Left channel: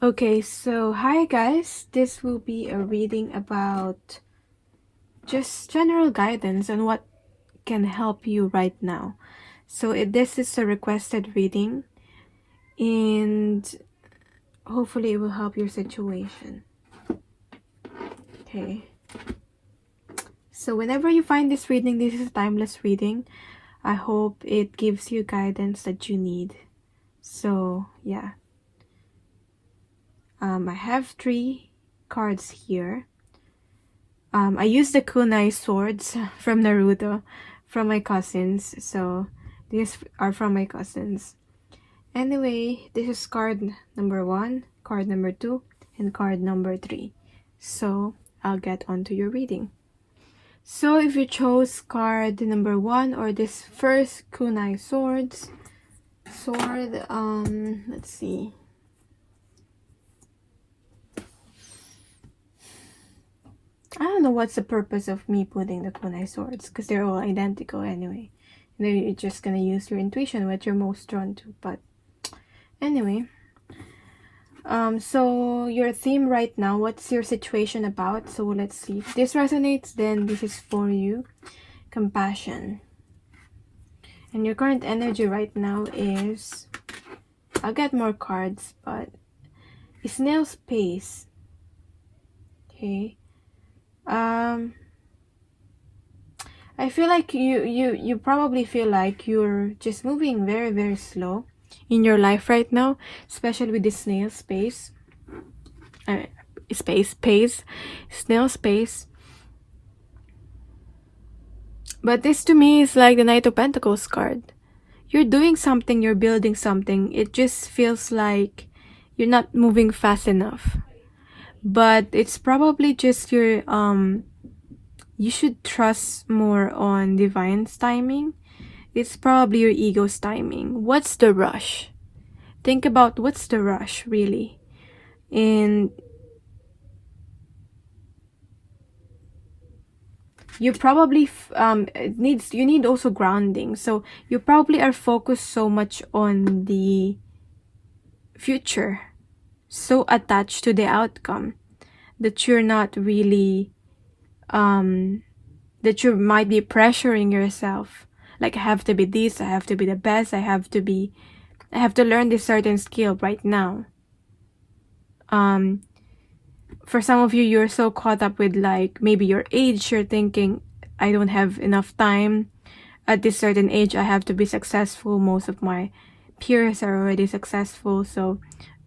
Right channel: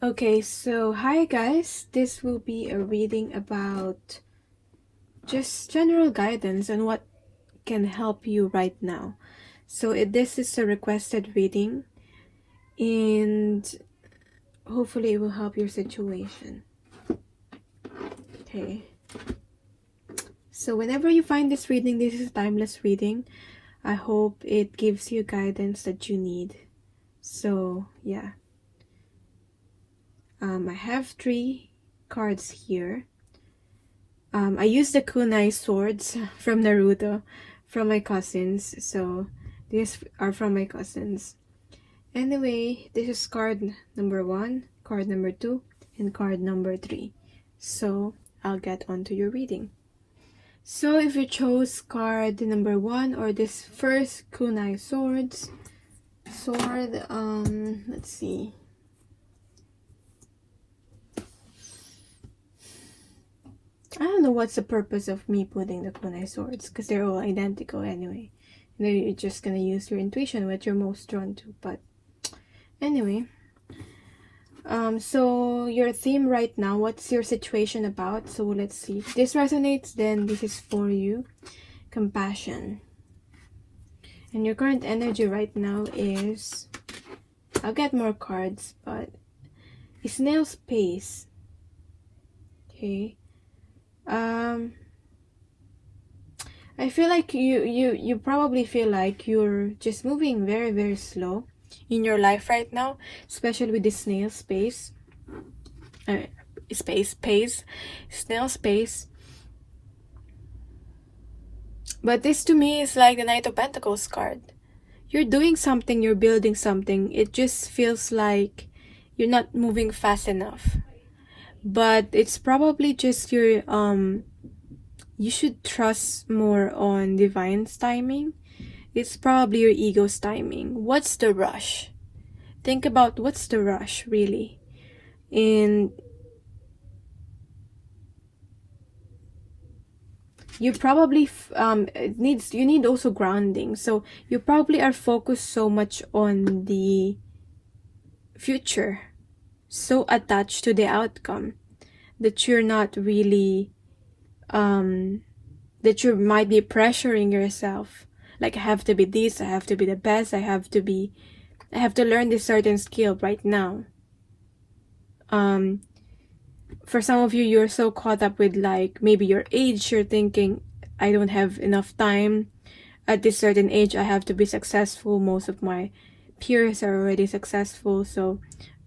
Okay, so hi guys, this will be a reading about just general guidance on what can help you right now. So this is a requested reading and hopefully it will help your situation. Okay, so whenever you find this reading, this is a timeless reading. I hope it gives you guidance that you need. So yeah, I have 3 cards here. I used the kunai swords from Naruto from my cousins, so these are from my cousins. Anyway, this is card number 1, card number 2, and card number 3. So I'll get on to your reading. So if you chose card number 1 or this first kunai sword, let's see. I don't know what's the purpose of me putting the kunai swords, because they're all identical anyway. Maybe you're just gonna use your intuition, what you're most drawn to. But anyway, so your theme right now, what's your situation about? So let's see. If this resonates, then this is for you. Compassion. And your current energy right now is, I'll get more cards, but snail's pace. Okay. I feel like you probably feel like you're just moving very, very slow in your life right now, especially with the snail pace. Snail pace. But this to me is like the Knight of Pentacles card. You're doing something, you're building something. It just feels like you're not moving fast enough. But it's probably just your you should trust more on divine's timing. It's probably your ego's timing. What's the rush? Think about what's the rush really. And you probably you need also grounding. So you probably are focused so much on the future, so attached to the outcome, that you're not really that you might be pressuring yourself, like I have to be this, I have to be the best, I have to learn this certain skill right now. For some of you, you're so caught up with like maybe your age, you're thinking I don't have enough time. At this certain age I have to be successful. Most of my peers are already successful, so,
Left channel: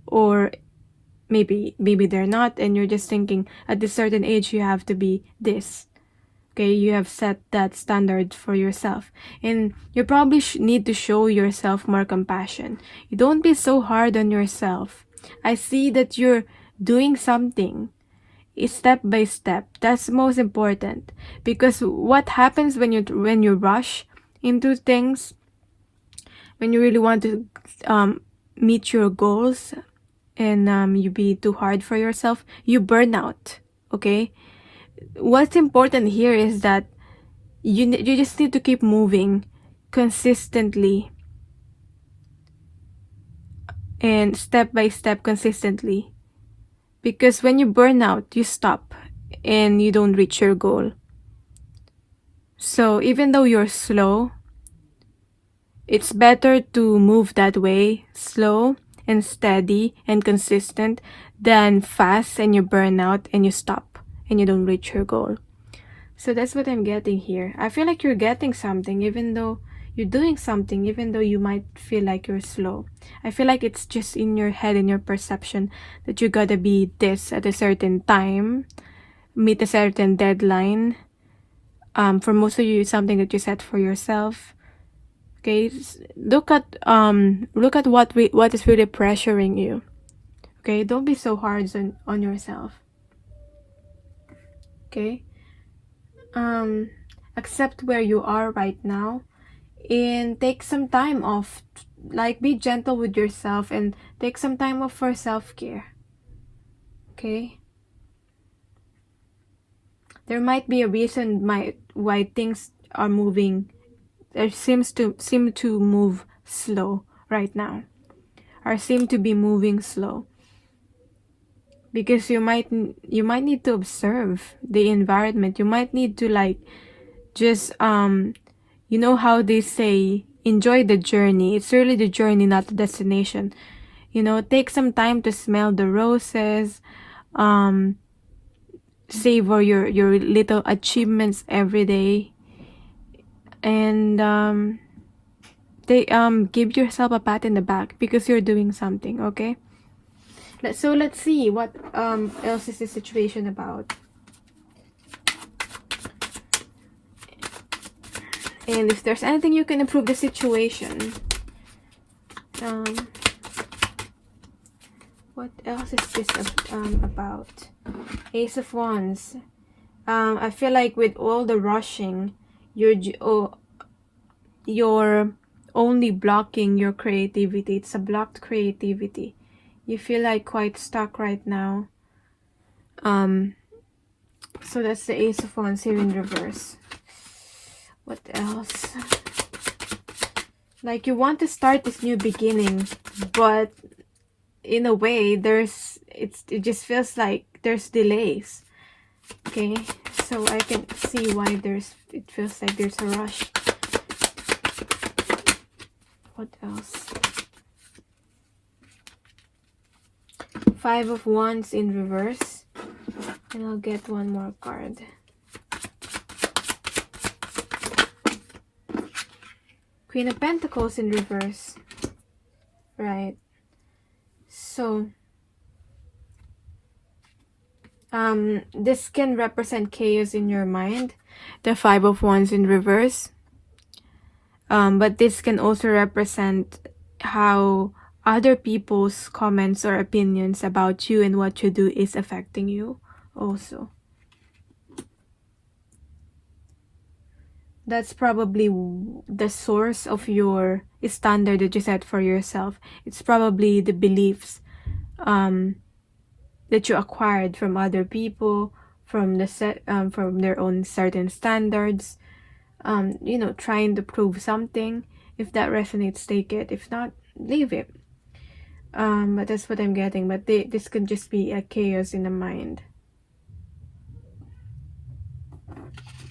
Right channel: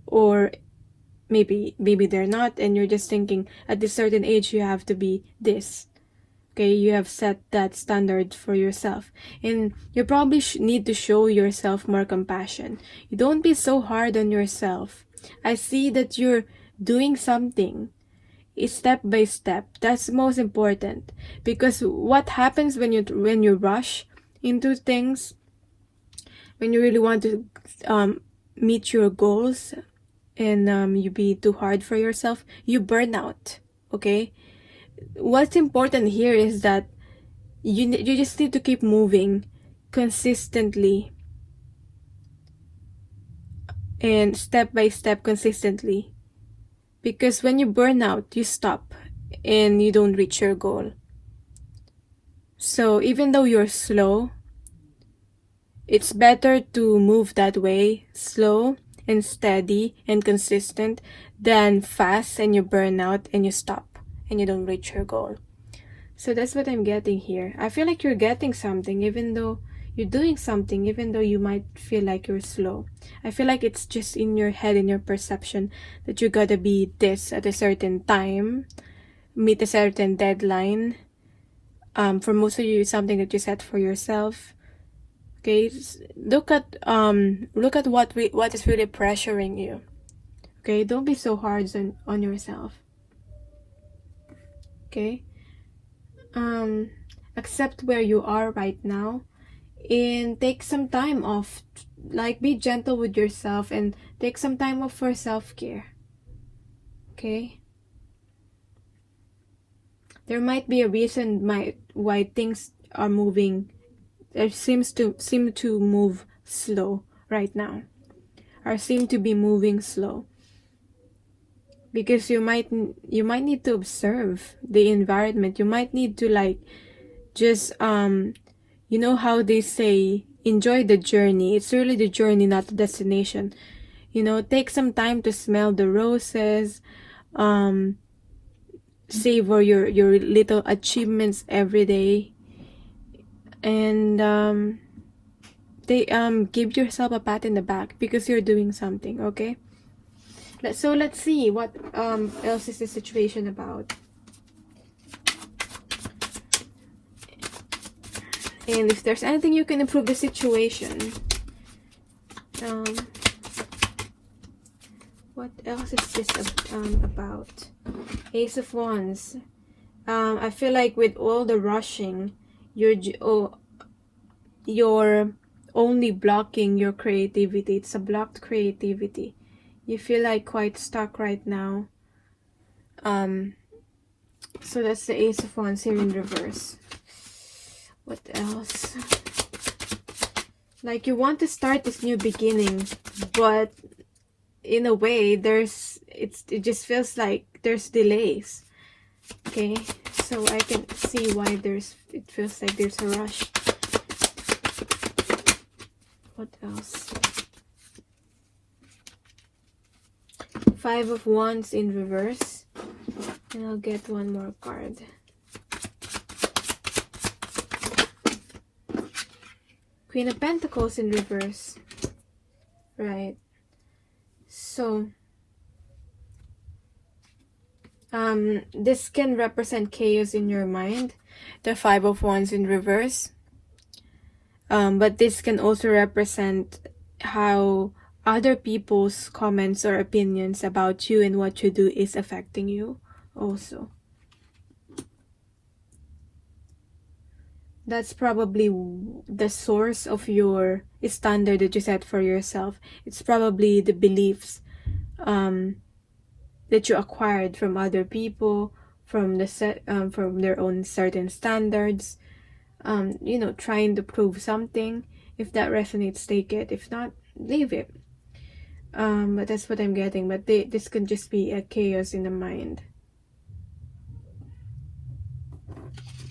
or maybe they're not, and you're just thinking at this certain age you have to be this. Okay, you have set that standard for yourself, and you probably need to show yourself more compassion. You don't be so hard on yourself. I see that you're doing something step by step. That's most important, because what happens when you rush into things, when you really want to meet your goals, and you be too hard for yourself, you burn out. Okay, what's important here is that you just need to keep moving consistently and step by step consistently, because when you burn out, you stop and you don't reach your goal. So even though you're slow, it's better to move that way, slow and steady and consistent, than fast and you burn out and you stop and you don't reach your goal. So that's what I'm getting here. I feel like you're getting something, even though you're doing something, even though you might feel like you're slow. I feel like it's just in your head, in your perception, that you gotta be this at a certain time, meet a certain deadline. For most of you, it's something that you set for yourself. Okay, look at what is really pressuring you. Okay, don't be so hard on yourself. Okay, accept where you are right now and take some time off. Like, be gentle with yourself and take some time off for self-care. Okay, there might be a reason why things are moving. It seem to move slow right now, or seem to be moving slow. because you might need to observe the environment. You might need to like just you know how they say, enjoy the journey. It's really the journey, not the destination. You know, take some time to smell the roses, savor your little achievements every day, and they give yourself a pat in the back because you're doing something. Okay, so let's see what else is the situation about. And if there's anything you can improve the situation. What else is this about? Ace of Wands. I feel like with all the rushing, you're only blocking your creativity. It's a blocked creativity. You feel like quite stuck right now. So that's the Ace of Wands here in reverse. What else? Like you want to start this new beginning, but in a way it just feels like there's delays. Okay, so I can see why it feels like there's a rush. What else? Five of Wands in reverse, and I'll get one more card. Queen of Pentacles in reverse. Right. So, this can represent chaos in your mind. The Five of Wands in reverse. But this can also represent how other people's comments or opinions about you and what you do is affecting you also. That's probably the source of your standard that you set for yourself. It's probably the beliefs that you acquired from other people, from their own certain standards. You know, trying to prove something. If that resonates, take it. If not, leave it. But that's what I'm getting. But this can just be a chaos in the mind.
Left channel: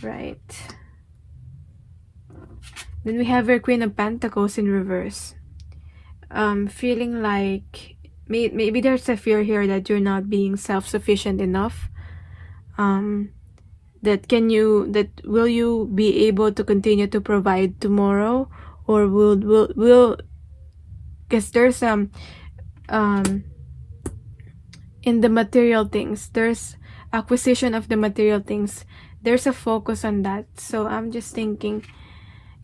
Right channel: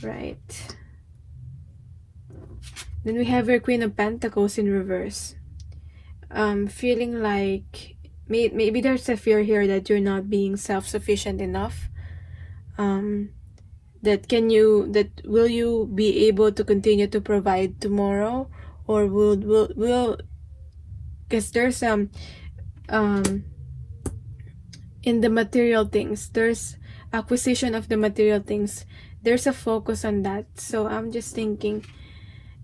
Right. Then we have your Queen of Pentacles in reverse. Feeling like maybe there's a fear here that you're not being self-sufficient enough. That will you be able to continue to provide tomorrow, or will because there's in the material things, there's acquisition of the material things, there's a focus on that. So I'm just thinking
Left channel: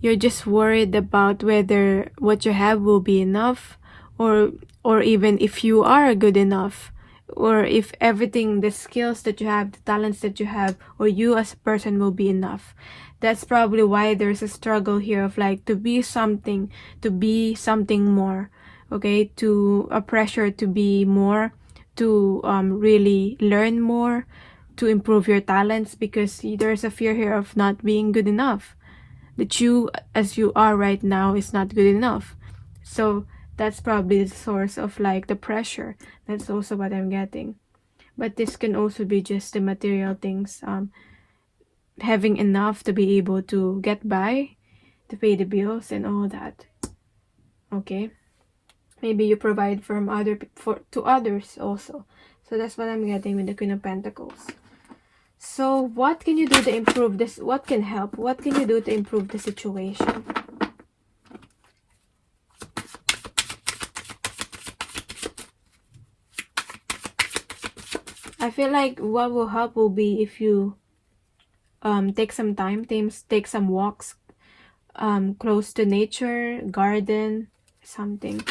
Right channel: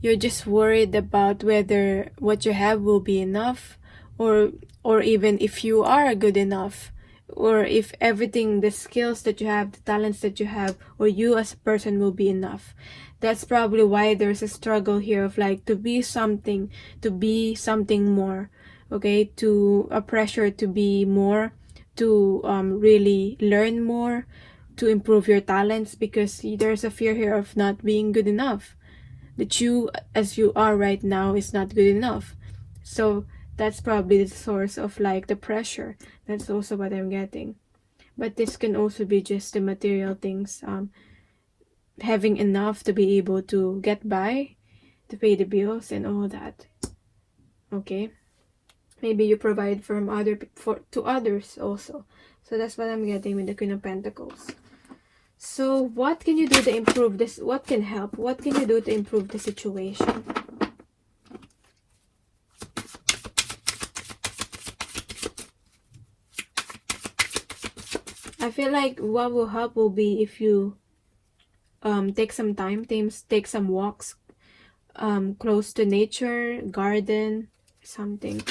you're just worried about whether what you have will be enough, or even if you are good enough, or if everything, the skills that you have, the talents that you have, or you as a person will be enough. That's probably why there's a struggle here of like to be something more. Okay, to a pressure to be more, to really learn more, to improve your talents, because there's a fear here of not being good enough, that you as you are right now is not good enough. So that's probably the source of like the pressure. That's also what I'm getting. But this can also be just the material things, having enough to be able to get by, to pay the bills and all that. Okay, maybe you provide to others also. So that's what I'm getting with the Queen of Pentacles. So what can you do to improve this? What can help? What can you do to improve the situation? I feel like what will help will be if you take some time, take some walks close to nature, garden, something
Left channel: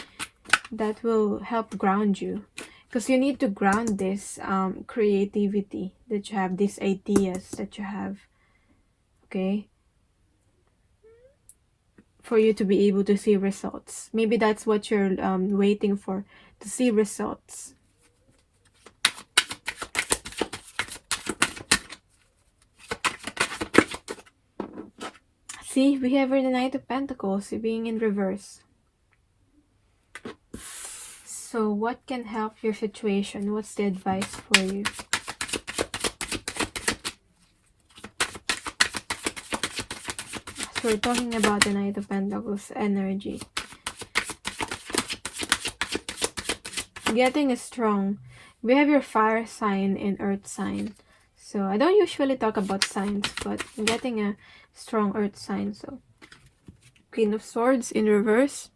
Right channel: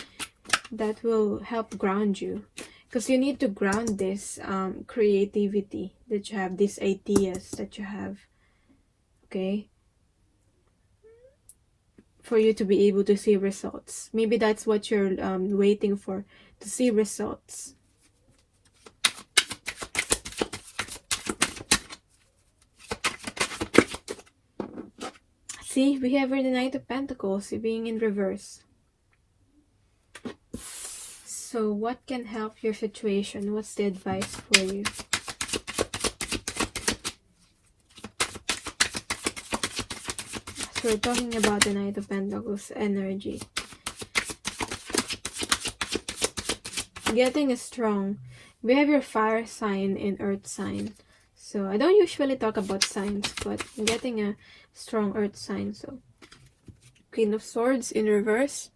that will help ground you, because you need to ground this creativity that you have, these ideas that you have. Okay, for you to be able to see results. Maybe that's what you're waiting for, to see results. See, we have the Knight of Pentacles being in reverse. So what can help your situation? What's the advice for you? So we're talking about the Knight of Pentacles energy. Getting a strong. We have your fire sign and earth sign. So I don't usually talk about signs, but I'm getting a strong earth sign. So Queen of Swords in reverse.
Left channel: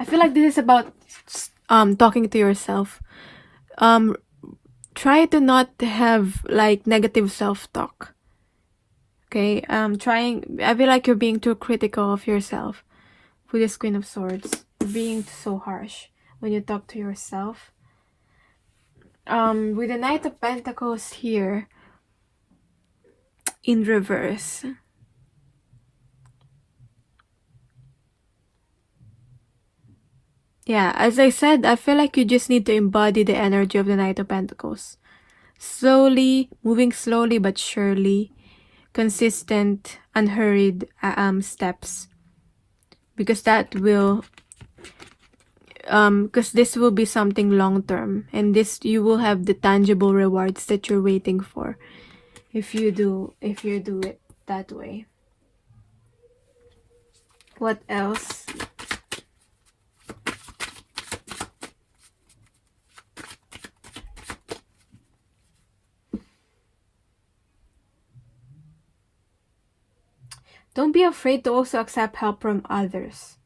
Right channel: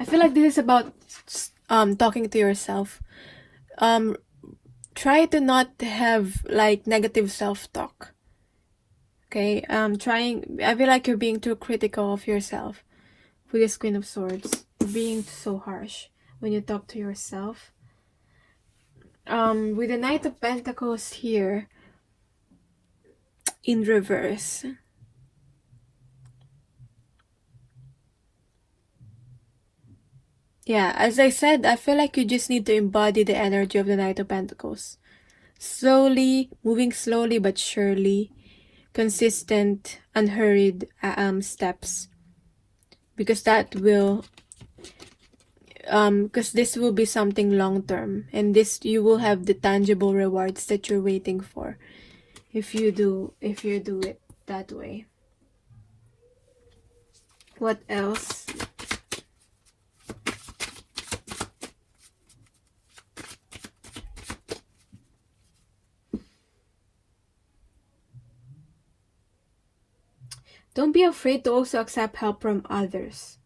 I feel like this is about talking to yourself. Try to not have like negative self-talk. Okay? I feel like you're being too critical of yourself with this Queen of Swords. You're being so harsh when you talk to yourself. With the Knight of Pentacles here in reverse. Yeah, as I said, I feel like you just need to embody the energy of the Knight of Pentacles. Slowly, moving slowly but surely, consistent, unhurried steps. Because that will, because this will be something long term, and this you will have the tangible rewards that you're waiting for if you do it that way. What else? Don't be afraid to also accept help from others.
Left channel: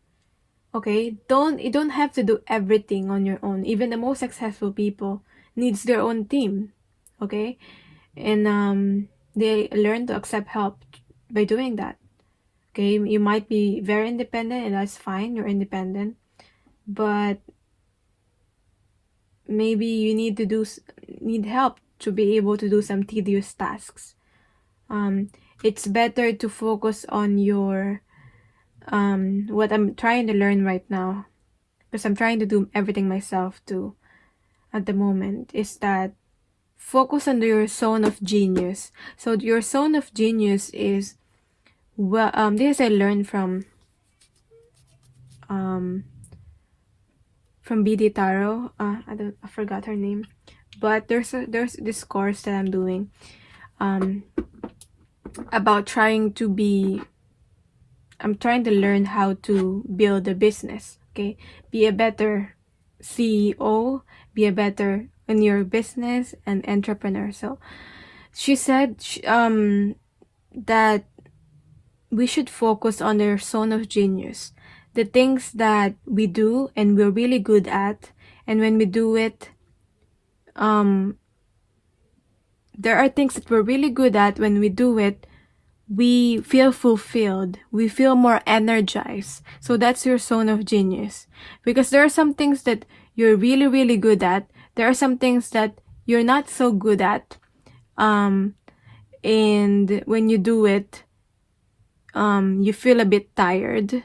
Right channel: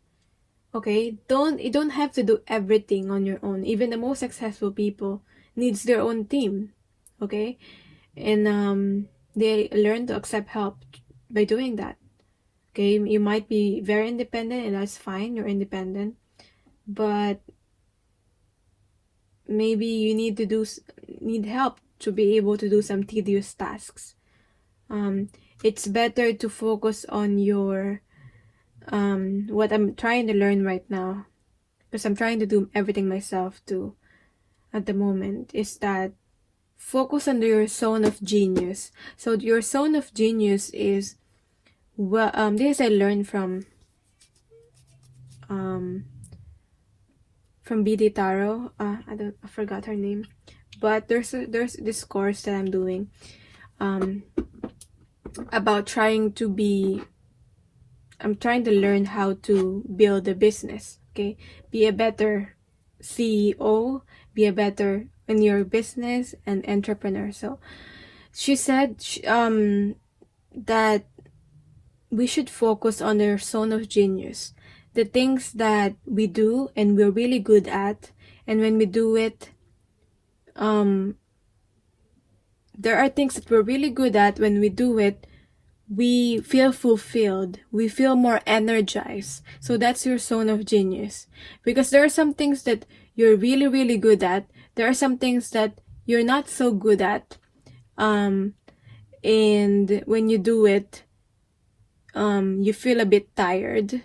Okay? You don't have to do everything on your own. Even the most successful people needs their own team. Okay? And they learn to accept help by doing that. Okay? You might be very independent, and that's fine. You're independent. But maybe you need help to be able to do some tedious tasks. It's better to focus on your what I'm trying to learn right now, because I'm trying to do everything myself too at the moment, is that focus on your zone of genius. So your zone of genius is, well, this I learned from BD Tarot. I forgot her name, but there's this course that I'm doing about I'm trying to learn how to build a business. Okay, be a better CEO, be a better in your business and entrepreneur. So she said that we should focus on our zone of genius, the things that we do and we're really good at, and when we do it, there are things that we're really good at. When we do it, we feel fulfilled, we feel more energized. So that's your zone of genius, because there are some things that you're really, really good at. There are some things that you're not so good at, and when you do it, you feel a bit tired.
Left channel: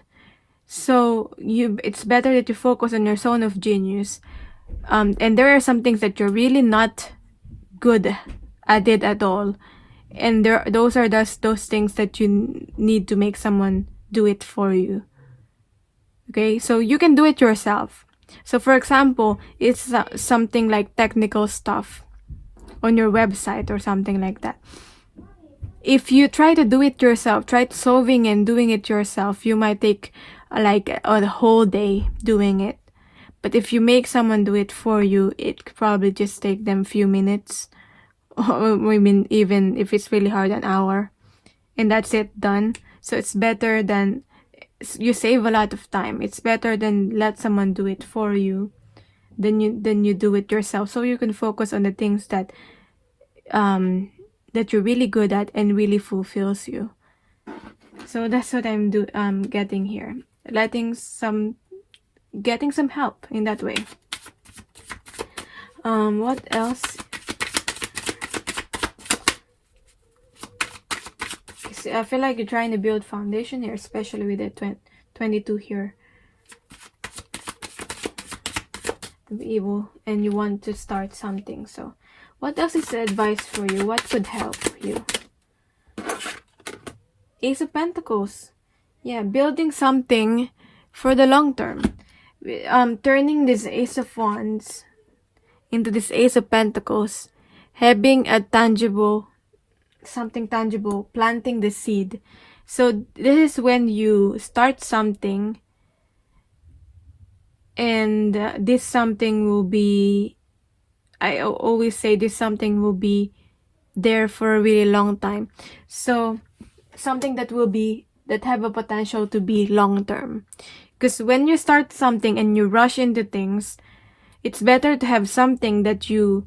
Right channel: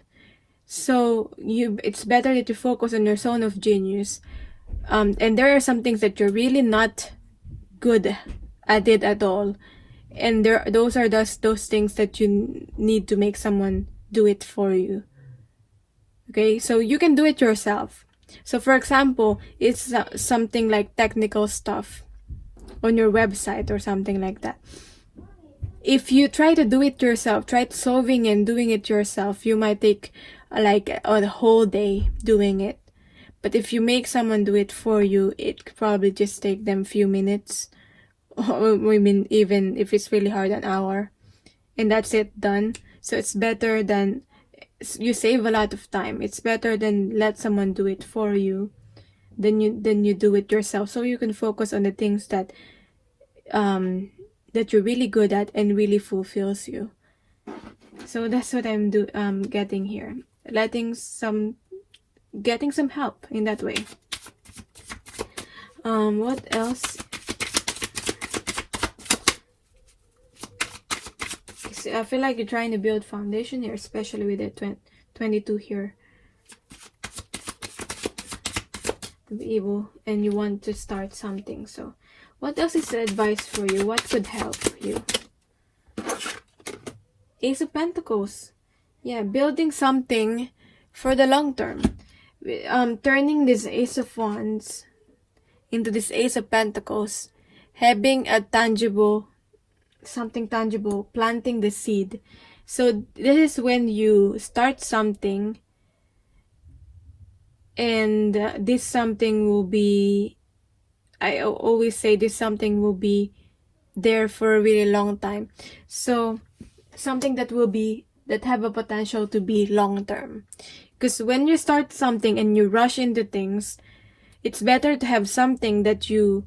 So it's better that you focus on your zone of genius, and there are some things that you're really not good at it at all, and those are those things that you need to make someone do it for you. Okay, so you can do it yourself. So for example, it's something like technical stuff on your website or something like that. If you try to do it yourself, try solving and doing it yourself, you might take like a whole day doing it. But if you make someone do it for you, it could probably just take them a few minutes. I mean, even if it's really hard, an hour, and that's it, done. So it's better than, you save a lot of time. It's better than let someone do it for you than you do it yourself, so you can focus on the things that that you're really good at and really fulfills you. So that's what I'm getting here, getting some help in that way. What else? I feel like you're trying to build foundation here, especially with the 22 here. To be able, and you want to start something. So what else is the advice for you? What could help you? Ace of Pentacles. Yeah, building something for the long term. Turning this Ace of Wands into this Ace of Pentacles, having a tangible, something tangible, planting the seed. So this is when you start something, and this something will be, I always say this something will be there for a really long time. So something that will be, that have a potential to be long term. Because when you start something and you rush into things, it's better to have something that you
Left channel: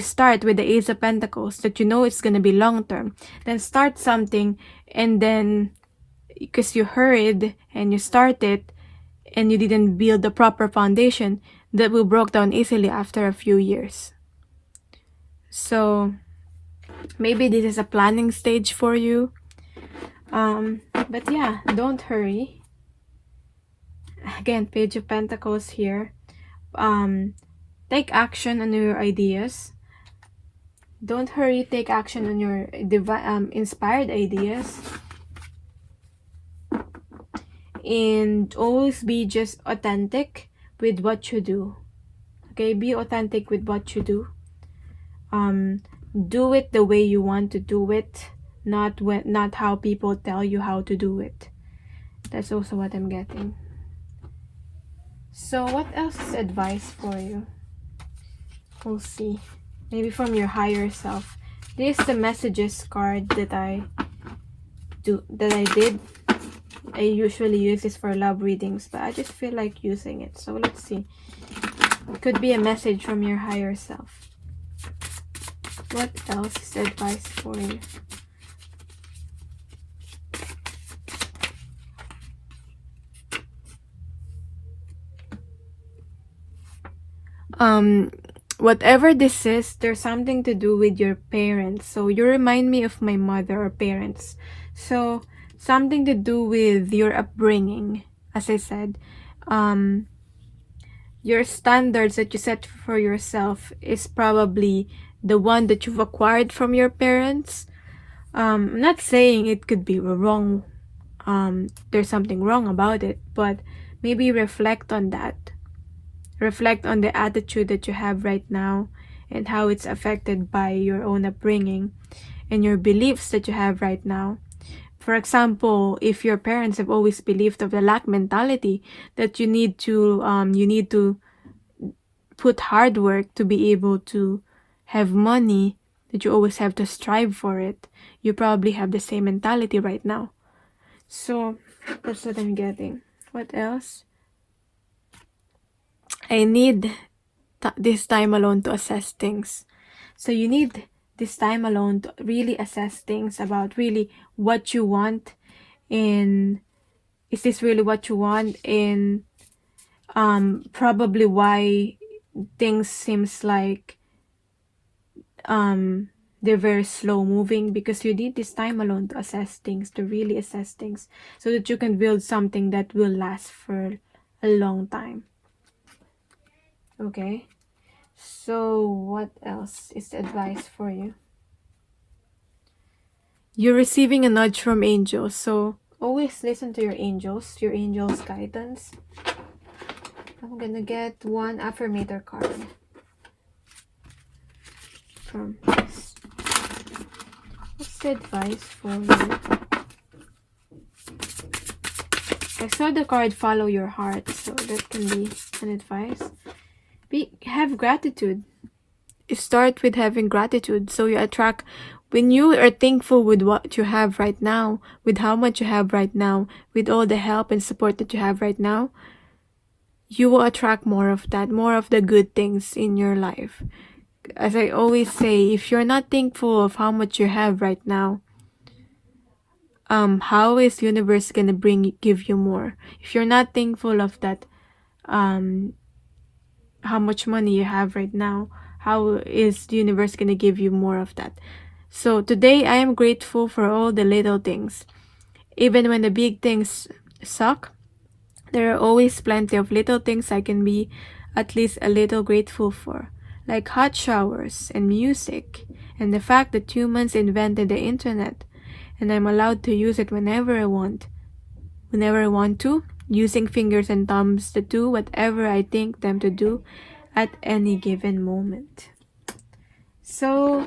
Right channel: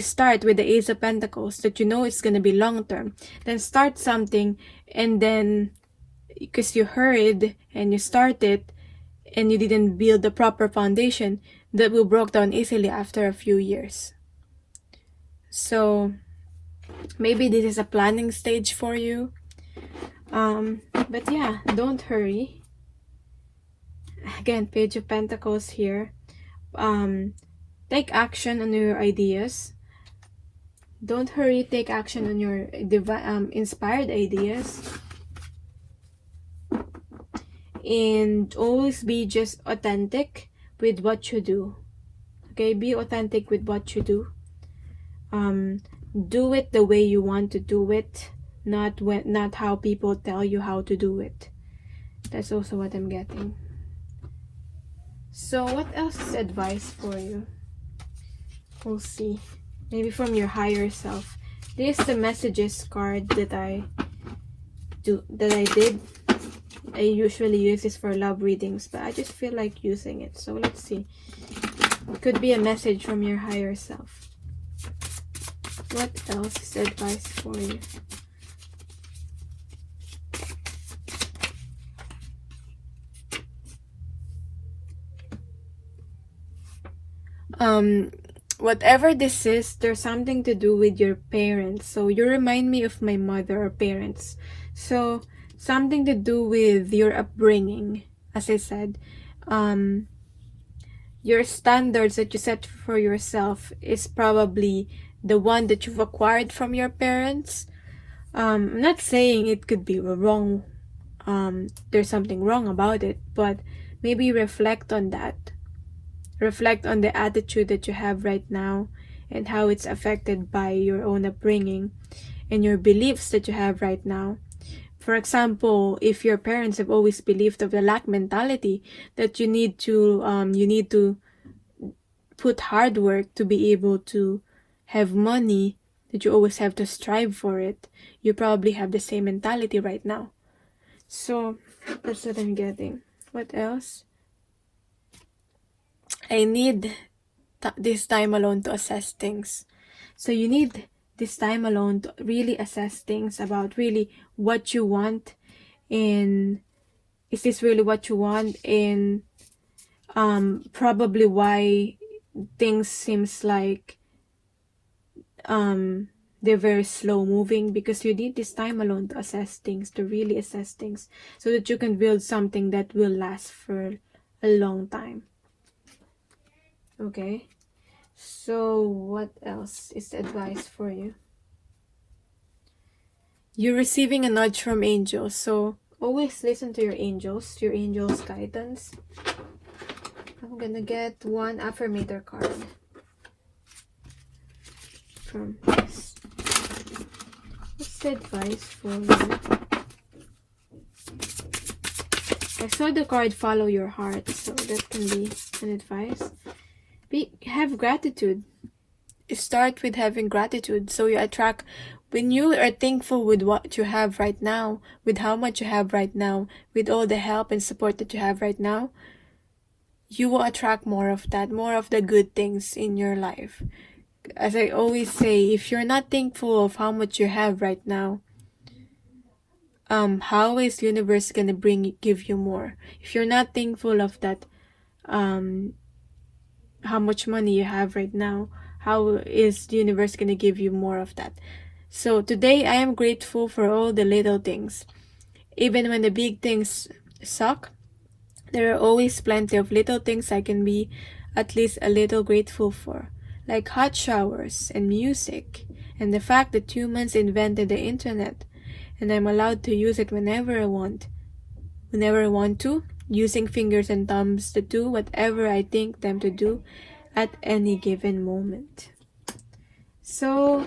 start with the Ace of Pentacles, that you know it's going to be long term, then start something, and then because you hurried and you started and you didn't build the proper foundation, that will break down easily after a few years. So maybe this is a planning stage for you. But yeah, don't hurry. Again, Page of Pentacles here. Take action on your ideas. Don't hurry, take action on your inspired ideas. And always be just authentic with what you do. Okay, be authentic with what you do. Do it the way you want to do it, not how people tell you how to do it. That's also what I'm getting. So what else is advice for you? We'll see. Maybe from your higher self. This is the messages card that I did. I usually use this for love readings, but I just feel like using it. So let's see. It could be a message from your higher self. What else is advice for you? Whatever this is, there's something to do with your parents. So you remind me of my mother or parents. So something to do with your upbringing. As I said, your standards that you set for yourself is probably the one that you've acquired from your parents. I'm not saying it could be wrong. There's something wrong about it, but maybe reflect on that. Reflect on the attitude that you have right now and how it's affected by your own upbringing and your beliefs that you have right now. For example, if your parents have always believed of the lack mentality, that you need to put hard work to be able to have money, that you always have to strive for it, you probably have the same mentality right now. So that's what I'm getting. What else? I need this time alone to assess things. So you need this time alone to really assess things about really what you want, and is this really what you want, and probably why things seems like they're very slow moving, because you need this time alone to assess things, to really assess things, so that you can build something that will last for a long time. Okay, so what else is advice for you? You're receiving a nudge from angels, so always listen to your angels' guidance. I'm gonna get one affirmator card from this. What's the advice for you? I saw the card follow your heart, so that can be an advice. Have gratitude. Start with having gratitude, so you attract. When you are thankful with what you have right now, with how much you have right now, with all the help and support that you have right now, you will attract more of that, more of the good things in your life. As I always say, if you're not thankful of how much you have right now, how is the universe gonna give you more? If you're not thankful of that, how much money you have right now, how is the universe gonna give you more of that? So today I am grateful for all the little things. Even when the big things suck, there are always plenty of little things I can be at least a little grateful for, like hot showers and music, and the fact that humans invented the internet and I'm allowed to use it whenever I want. whenever I want to, using fingers and thumbs to do whatever I think them to do at any given moment. So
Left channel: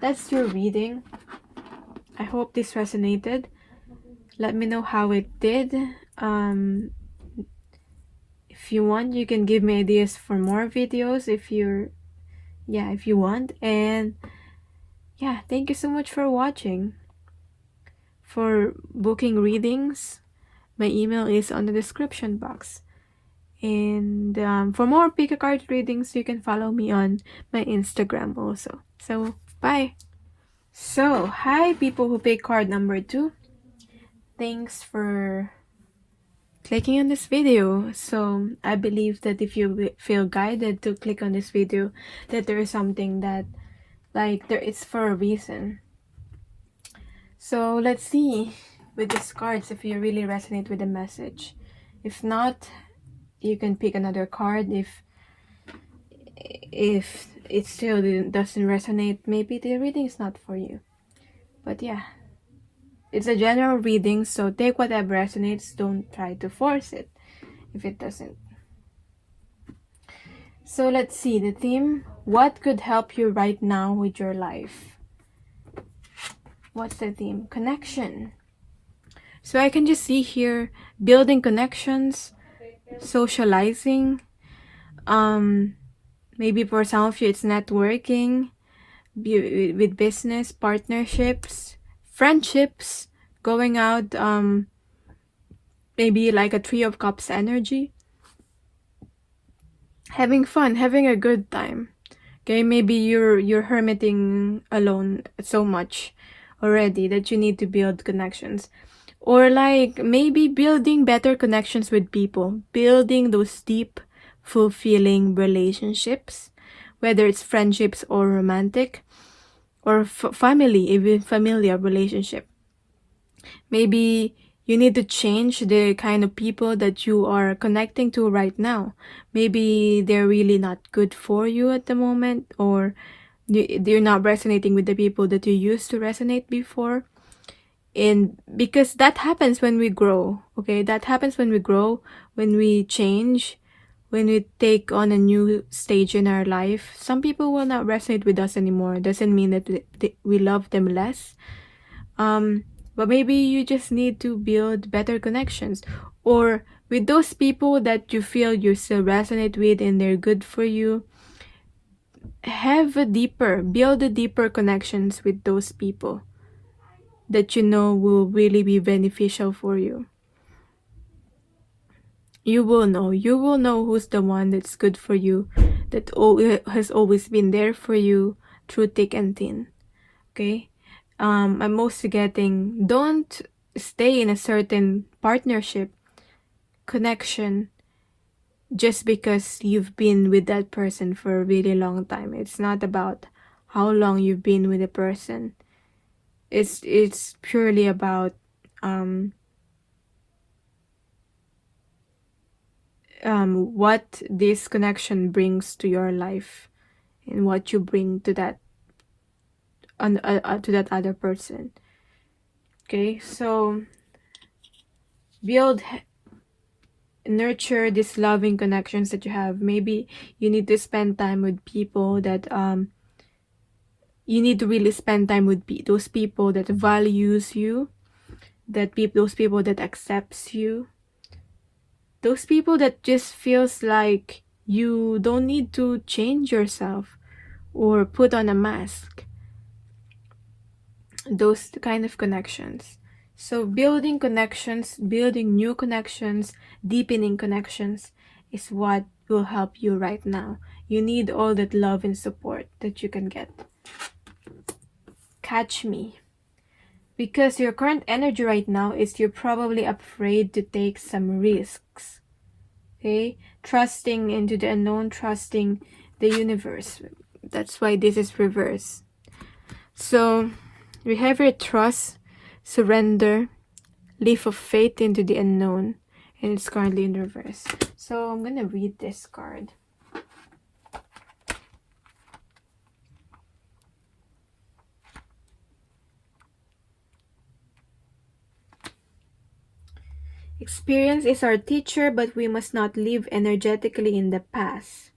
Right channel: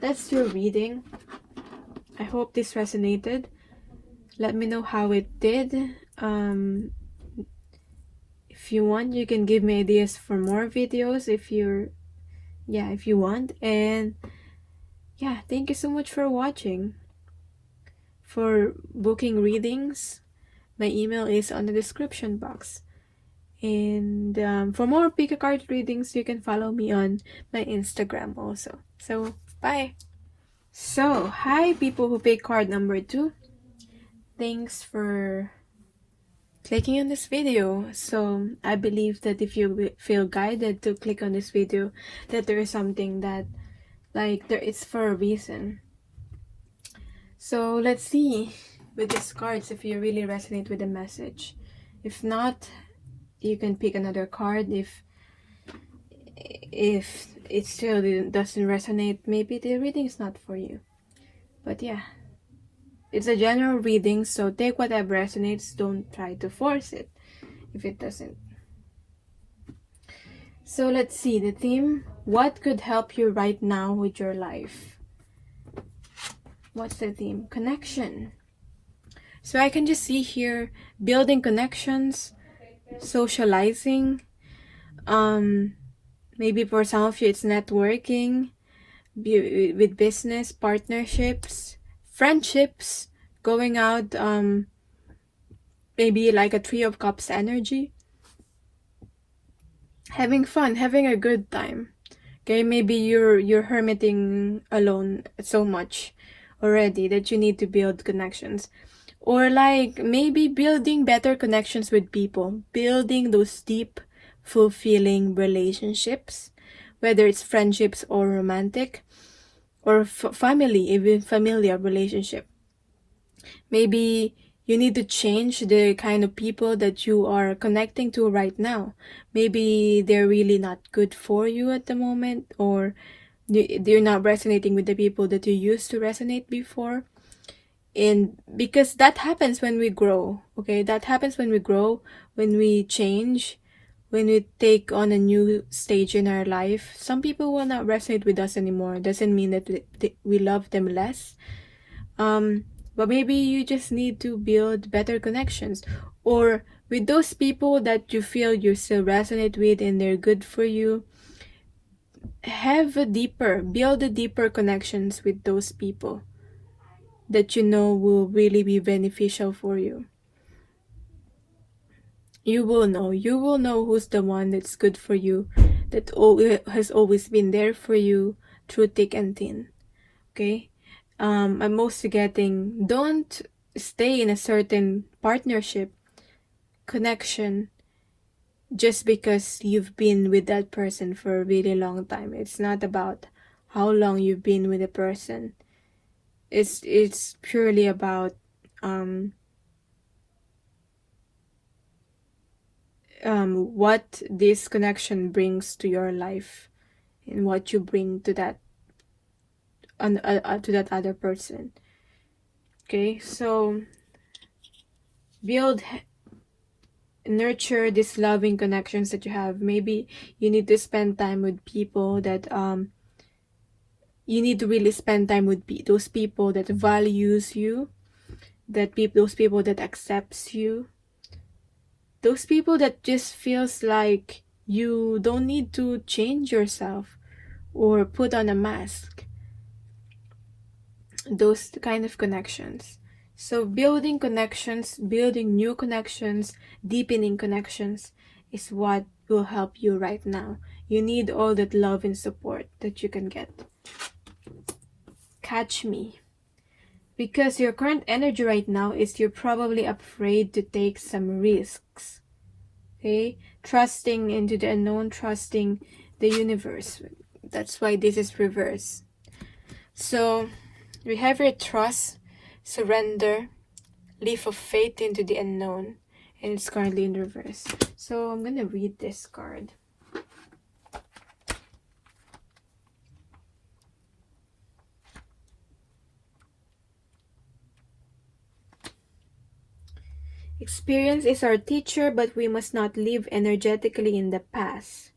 that's your reading. I hope this resonated. Let me know how it did. If you want, you can give me ideas for more videos if you want. And yeah, thank you so much for watching. For booking readings, my email is on the description box. And for more pickacard readings, you can follow me on my Instagram also. So bye. So hi people who pick card number 2. Thanks for clicking on this video. So I believe that if you feel guided to click on this video, that there is something that it's for a reason. So let's see with these cards if you really resonate with the message. If not, you can pick another card. If it still doesn't resonate, maybe the reading is not for you. But yeah, it's a general reading, so take whatever resonates. Don't try to force it if it doesn't. So let's see the theme. What could help you right now with your life? What's the theme? Connection. So I can just see here building connections, socializing. Maybe for some of you it's networking, with business, partnerships, friendships, going out, maybe like a Three of Cups energy. Having fun, having a good time. Okay, maybe you're hermiting alone so much already that you need to build connections. Or like maybe building better connections with people, building those deep, fulfilling relationships, whether it's friendships or romantic, or family, even familiar relationship. Maybe you need to change the kind of people that you are connecting to right now. Maybe they're really not good for you at the moment, or they're not resonating with the people that you used to resonate before. And because that happens when we grow, okay? That happens when we grow, when we change, when we take on a new stage in our life. Some people will not resonate with us anymore. Doesn't mean that we love them less. But maybe you just need to build better connections, or with those people that you feel you still resonate with and they're good for you. Build a deeper connections with those people that you know will really be beneficial for you. You will know who's the one that's good for you, that has always been there for you through thick and thin. Okay? I'm mostly getting, don't stay in a certain partnership, connection, just because you've been with that person for a really long time. It's not about how long you've been with a person. It's purely about what this connection brings to your life, and what you bring to that other person. Okay, so nurture these loving connections that you have. Maybe you need to spend time with people that you need to really spend time with those people that values you, those people that accepts you, those people that just feels like you don't need to change yourself or put on a mask. Those kind of connections. So building connections, building new connections, deepening connections is what will help you right now. You need all that love and support that you can get. Catch me. Because your current energy right now is you're probably afraid to take some risks. Okay? Trusting into the unknown, trusting the universe. That's why this is reverse. So we have your trust, surrender, leap of faith into the unknown, and it's currently in reverse. So I'm gonna read this card. Experience is our teacher, but we must not live energetically in the past.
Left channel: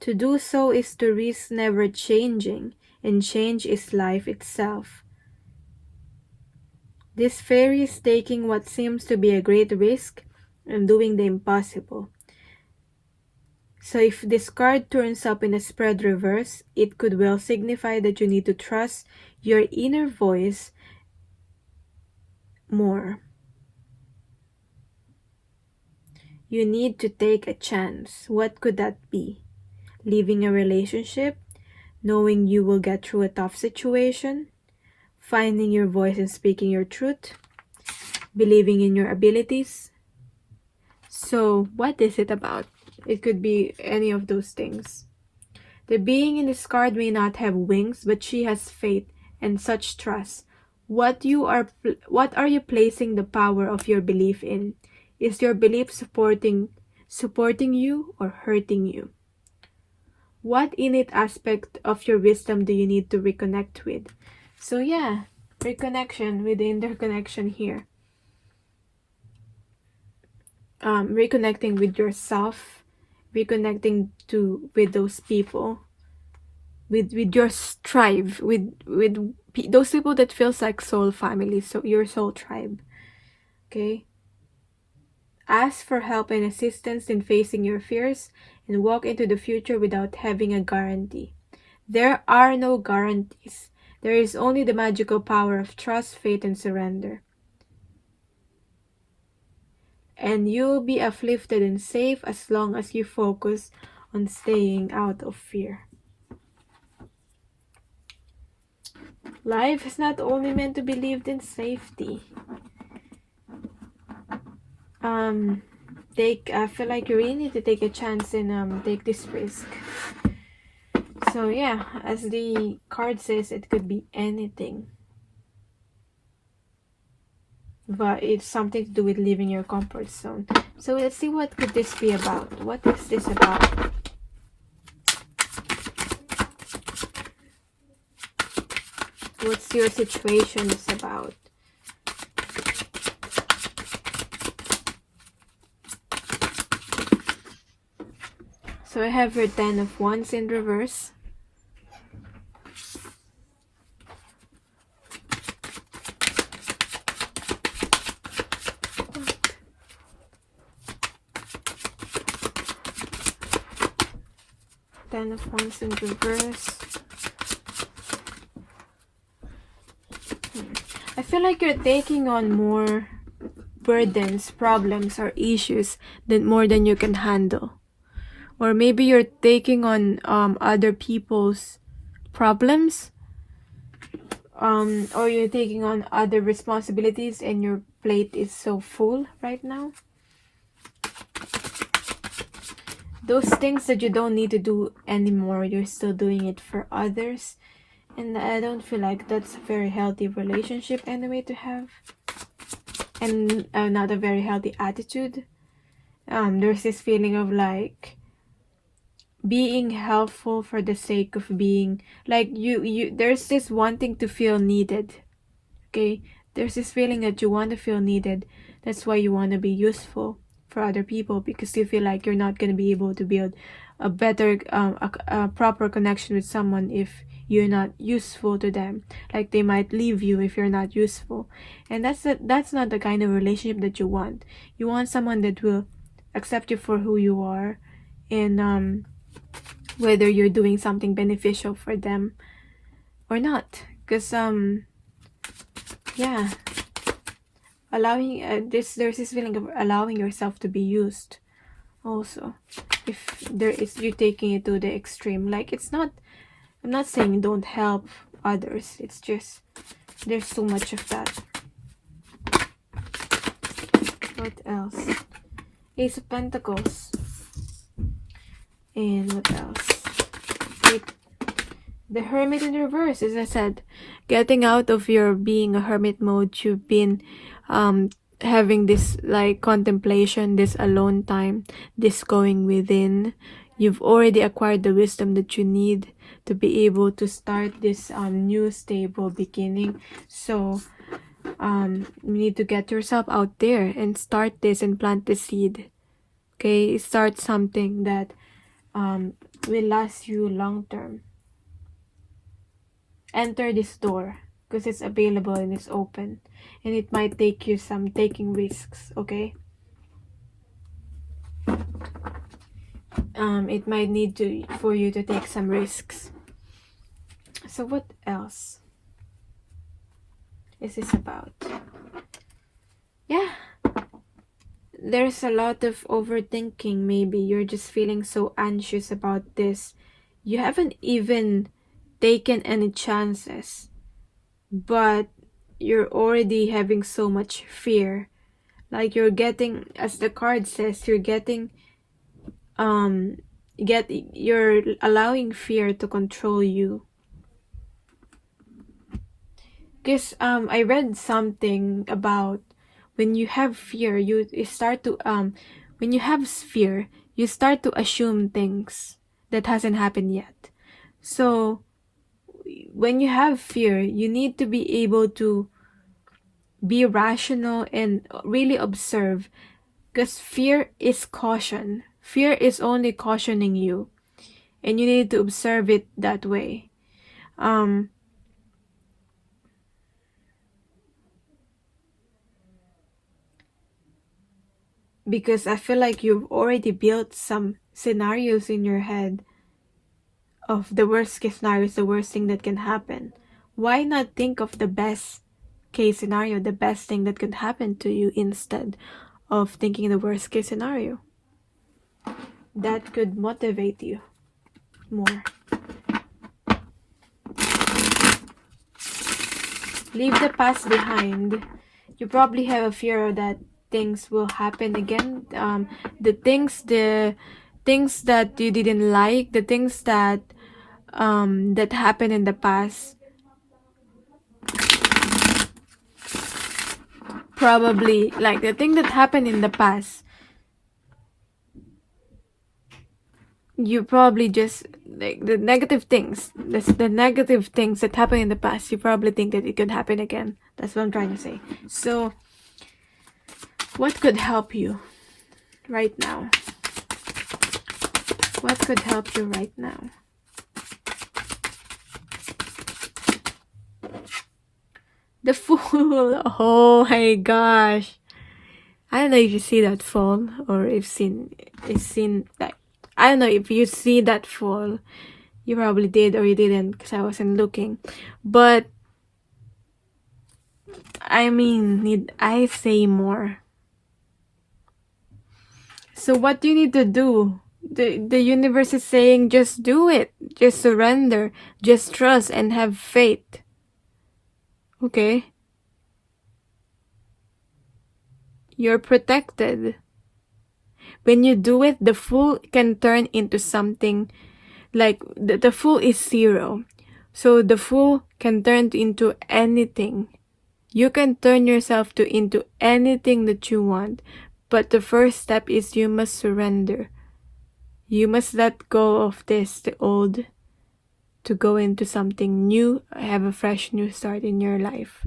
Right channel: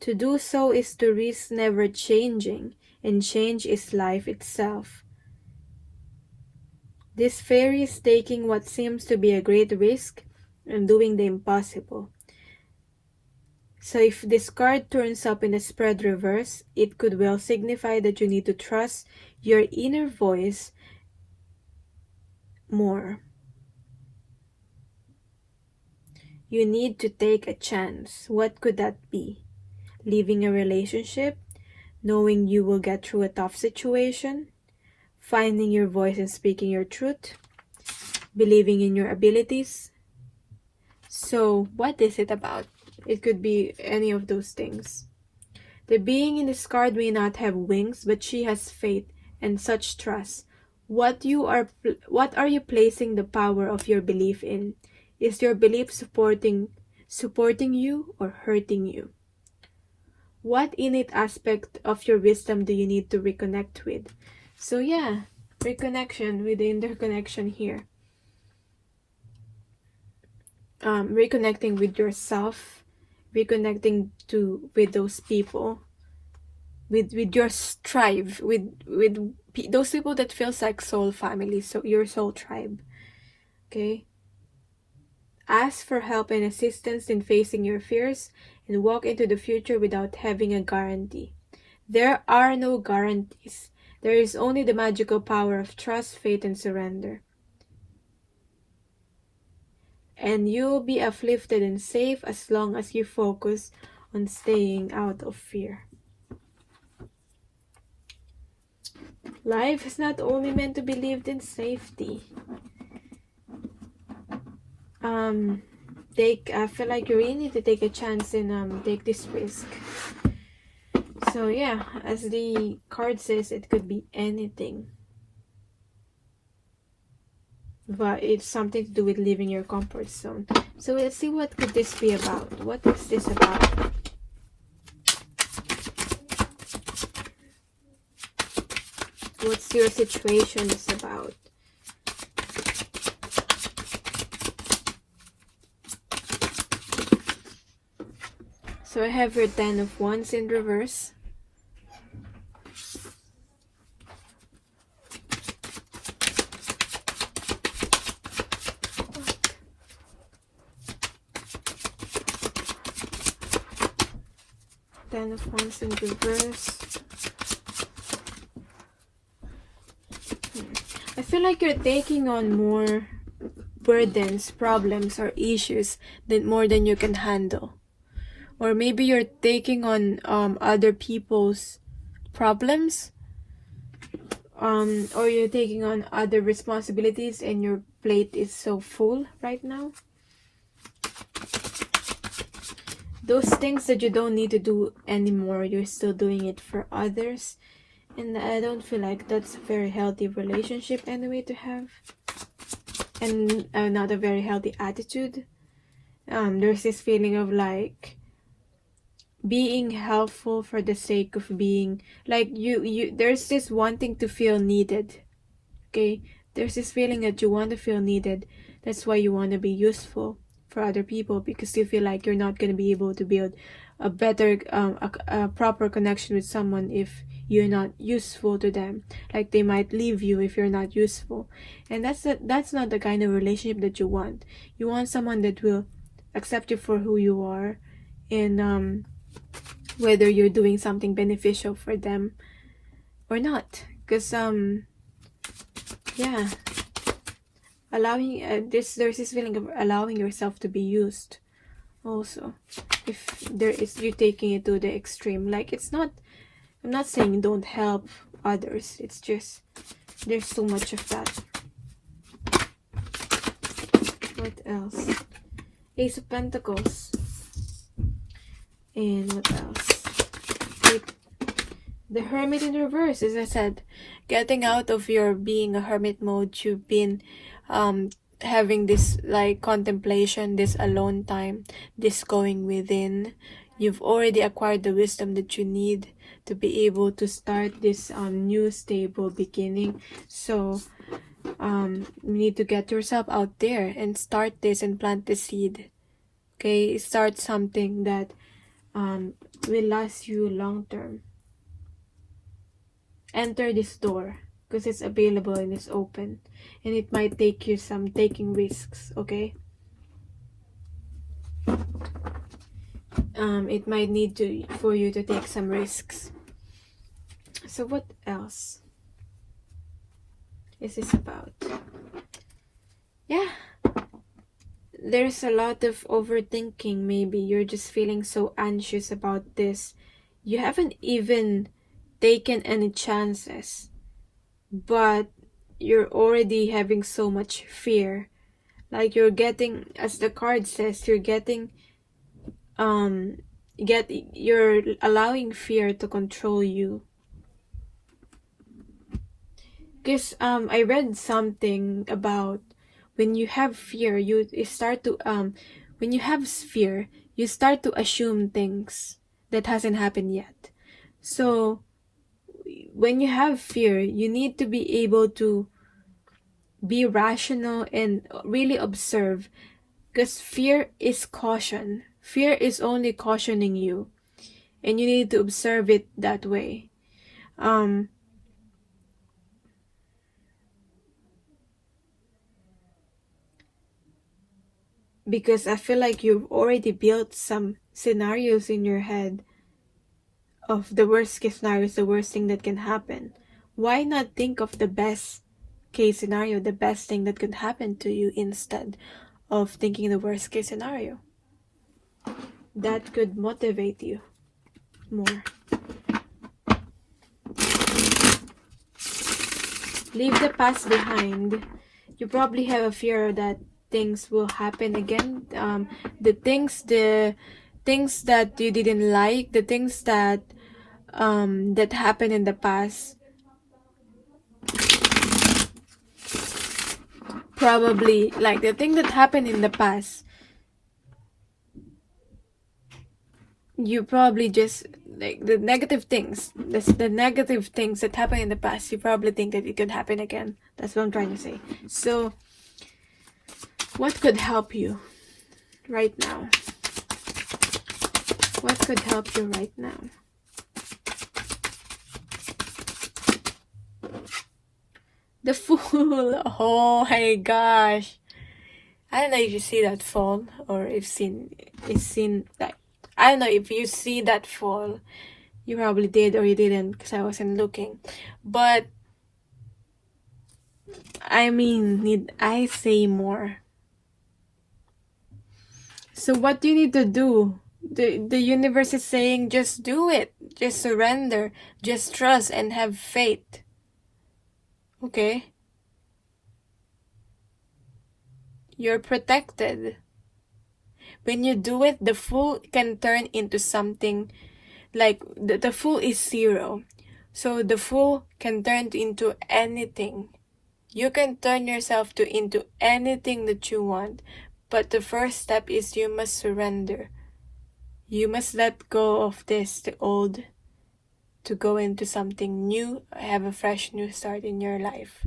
To do so is to risk never changing, and change is life itself. This fairy is taking what seems to be a great risk and doing the impossible. So if this card turns up in the spread reverse, it could well signify that you need to trust your inner voice more. You need to take a chance. What could that be? Leaving a relationship, knowing you will get through a tough situation, finding your voice and speaking your truth, believing in your abilities. So what is it about? It could be any of those things. The being in this card may not have wings, but she has faith and such trust. What are you placing the power of your belief in? Is your belief supporting you or hurting you? What innate aspect of your wisdom do you need to reconnect with? So yeah, reconnection with the interconnection here. Reconnecting with yourself, reconnecting with those people, with your tribe, with those people that feels like soul family, so your soul tribe. Okay. Ask for help and assistance in facing your fears and walk into the future without having a guarantee. There are no guarantees. There is only the magical power of trust, faith, and surrender. And you'll be uplifted and safe as long as you focus on staying out of fear. Life is not only meant to be lived in safety. I feel like you really need to take a chance and take this risk. So yeah, as the card says, it could be anything, but it's something to do with leaving your comfort zone. So let's see, what could this be about? What is this about? What's your situation is about? So I have your 10 of Wands in reverse. Ten of Wands in reverse. I feel like you're taking on more burdens, problems, or issues more than you can handle. Or maybe you're taking on other people's problems, or you're taking on other responsibilities and your plate is so full right now. Those things that you don't need to do anymore, you're still doing it for others. And I don't feel like that's a very healthy relationship anyway to have. And not a very healthy attitude. There's this feeling of like being helpful for the sake of being, like there's this wanting to feel needed. Okay, there's this feeling that you want to feel needed. That's why you want to be useful for other people, because you feel like you're not going to be able to build a better a proper connection with someone if you're not useful to them. Like they might leave you if you're not useful, and that's not the kind of relationship that you want. You want someone that will accept you for who you are, and whether you're doing something beneficial for them or not. Because yeah, allowing there's this feeling of allowing yourself to be used also. If there is, you taking it to the extreme, like I'm not saying don't help others, it's just there's so much of that. What else? Ace of Pentacles. And what else? The Hermit in reverse. As I said, getting out of your being a hermit mode, you've been having this like contemplation, this alone time, this going within. You've already acquired the wisdom that you need to be able to start this new stable beginning. So You need to get yourself out there and start this and plant the seed. Okay, start something that will last you long term. Enter this door because it's available and it's open, and it might take you some taking risks. Okay, it might need to for you to take some risks. So what else is this about? Yeah, there's a lot of overthinking. Maybe you're just feeling so anxious about this. You haven't even taken any chances, but you're already having so much fear. Like you're getting, as the card says, you're allowing fear to control you. Because I read something about when you have fear, you start to when you have fear, you start to assume things that hasn't happened yet. So when you have fear, you need to be able to be rational and really observe, because fear is caution. Fear is only cautioning you, and you need to observe it that way. Because I feel like you've already built some scenarios in your head of the worst case scenario is the worst thing that can happen. Why not think of the best case scenario, the best thing that could happen to you, instead of thinking the worst case scenario? That could motivate you more. Leave the past behind. You probably have a fear that things will happen again. The things that you didn't like, the things that that happened in the past, probably like the thing that happened in the past, you probably just like the negative things that happened in the past, you probably think that it could happen again. That's what I'm trying to say. So what could help you right now? What could help you right now? The Fool. Oh my gosh. I don't know if you see that fall, or if seen like, I don't know if you see that fall. You probably did, or you didn't, because I wasn't looking. But I mean, need I say more? So what do you need to do? The universe is saying, just do it. Just surrender. Just trust and have faith. Okay? You're protected. When you do it, the Fool can turn into something like the Fool is 0. So the Fool can turn into anything. You can turn yourself into anything that you want. But the first step is you must surrender. You must let go of this, the old, to go into something new, have a fresh new start in your life.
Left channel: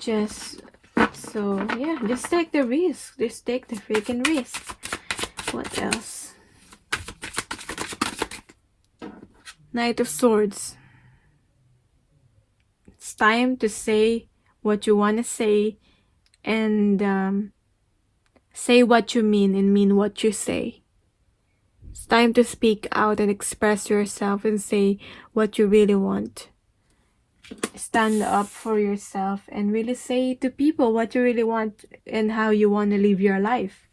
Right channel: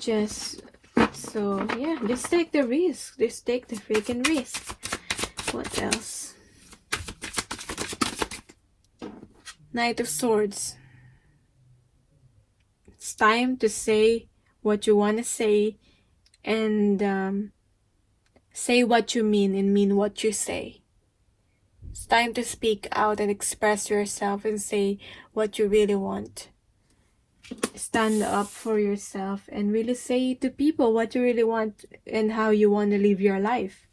Just take the risk. Just take the freaking risk. What else? Knight of Swords. It's time to say what you want to say, and say what you mean and mean what you say. It's time to speak out and express yourself and say what you really want. Stand up for yourself and really say to people what you really want and how you want to live your life.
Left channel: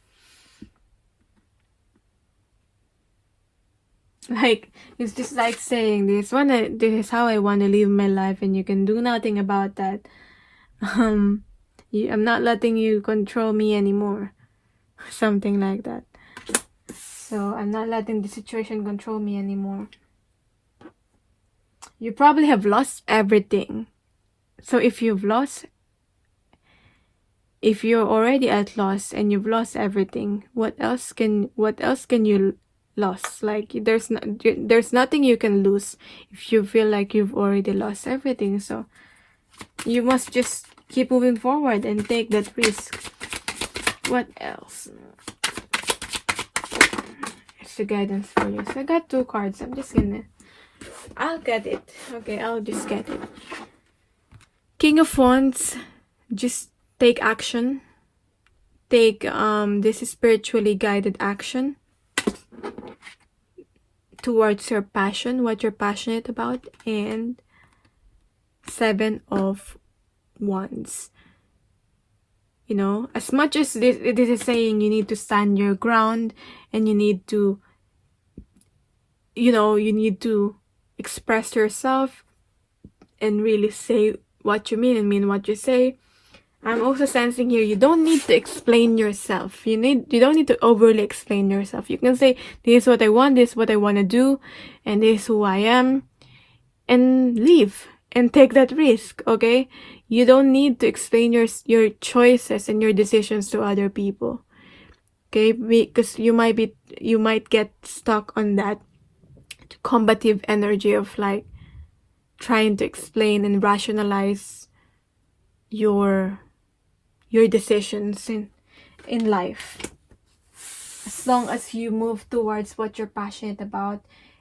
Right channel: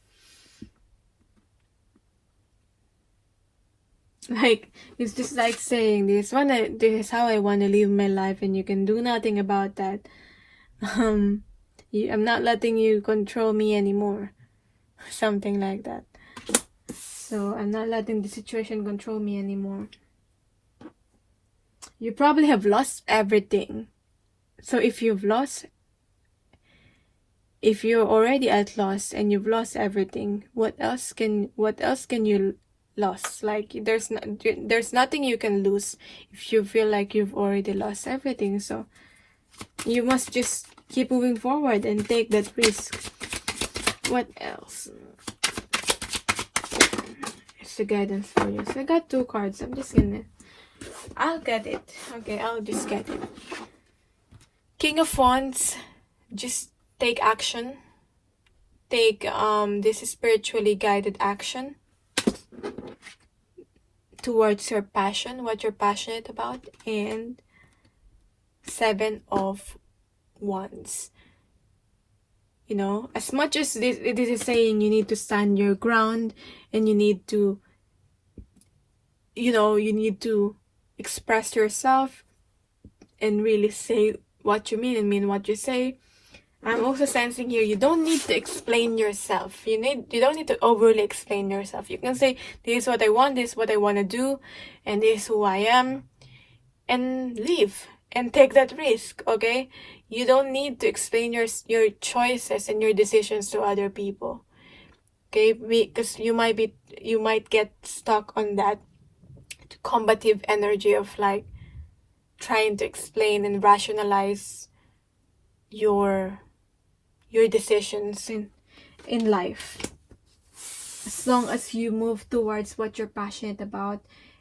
Like, it's just like saying this is how I want to live my life, and you can do nothing about that. I'm not letting you control me anymore. Something like that. So I'm not letting the situation control me anymore. You probably have lost everything. So if you're already at loss and you've lost everything, what else can you loss. Like there's nothing you can lose if you feel like you've already lost everything. So you must just keep moving forward and take that risk. What else? It's the guidance for you. So I got 2 cards. I'll get it. Okay, I'll just get it. King of Wands, just take action. Take this is spiritually guided action towards your passion, what you're passionate about. And 7 of Wands. You know, as much as this is saying you need to stand your ground, and you need to, you know, you need to express yourself and really say what you mean and mean what you say. I'm also sensing here, you don't need to explain yourself. You don't need to overly explain yourself. You can say, this is what I want, this is what I want to do, and this is who I am, and leave and take that risk. Okay, you don't need to explain your choices and your decisions to other people. Okay, because you might get stuck on that combative energy of like trying to explain and rationalize your decisions in life. As long as you move towards what you're passionate about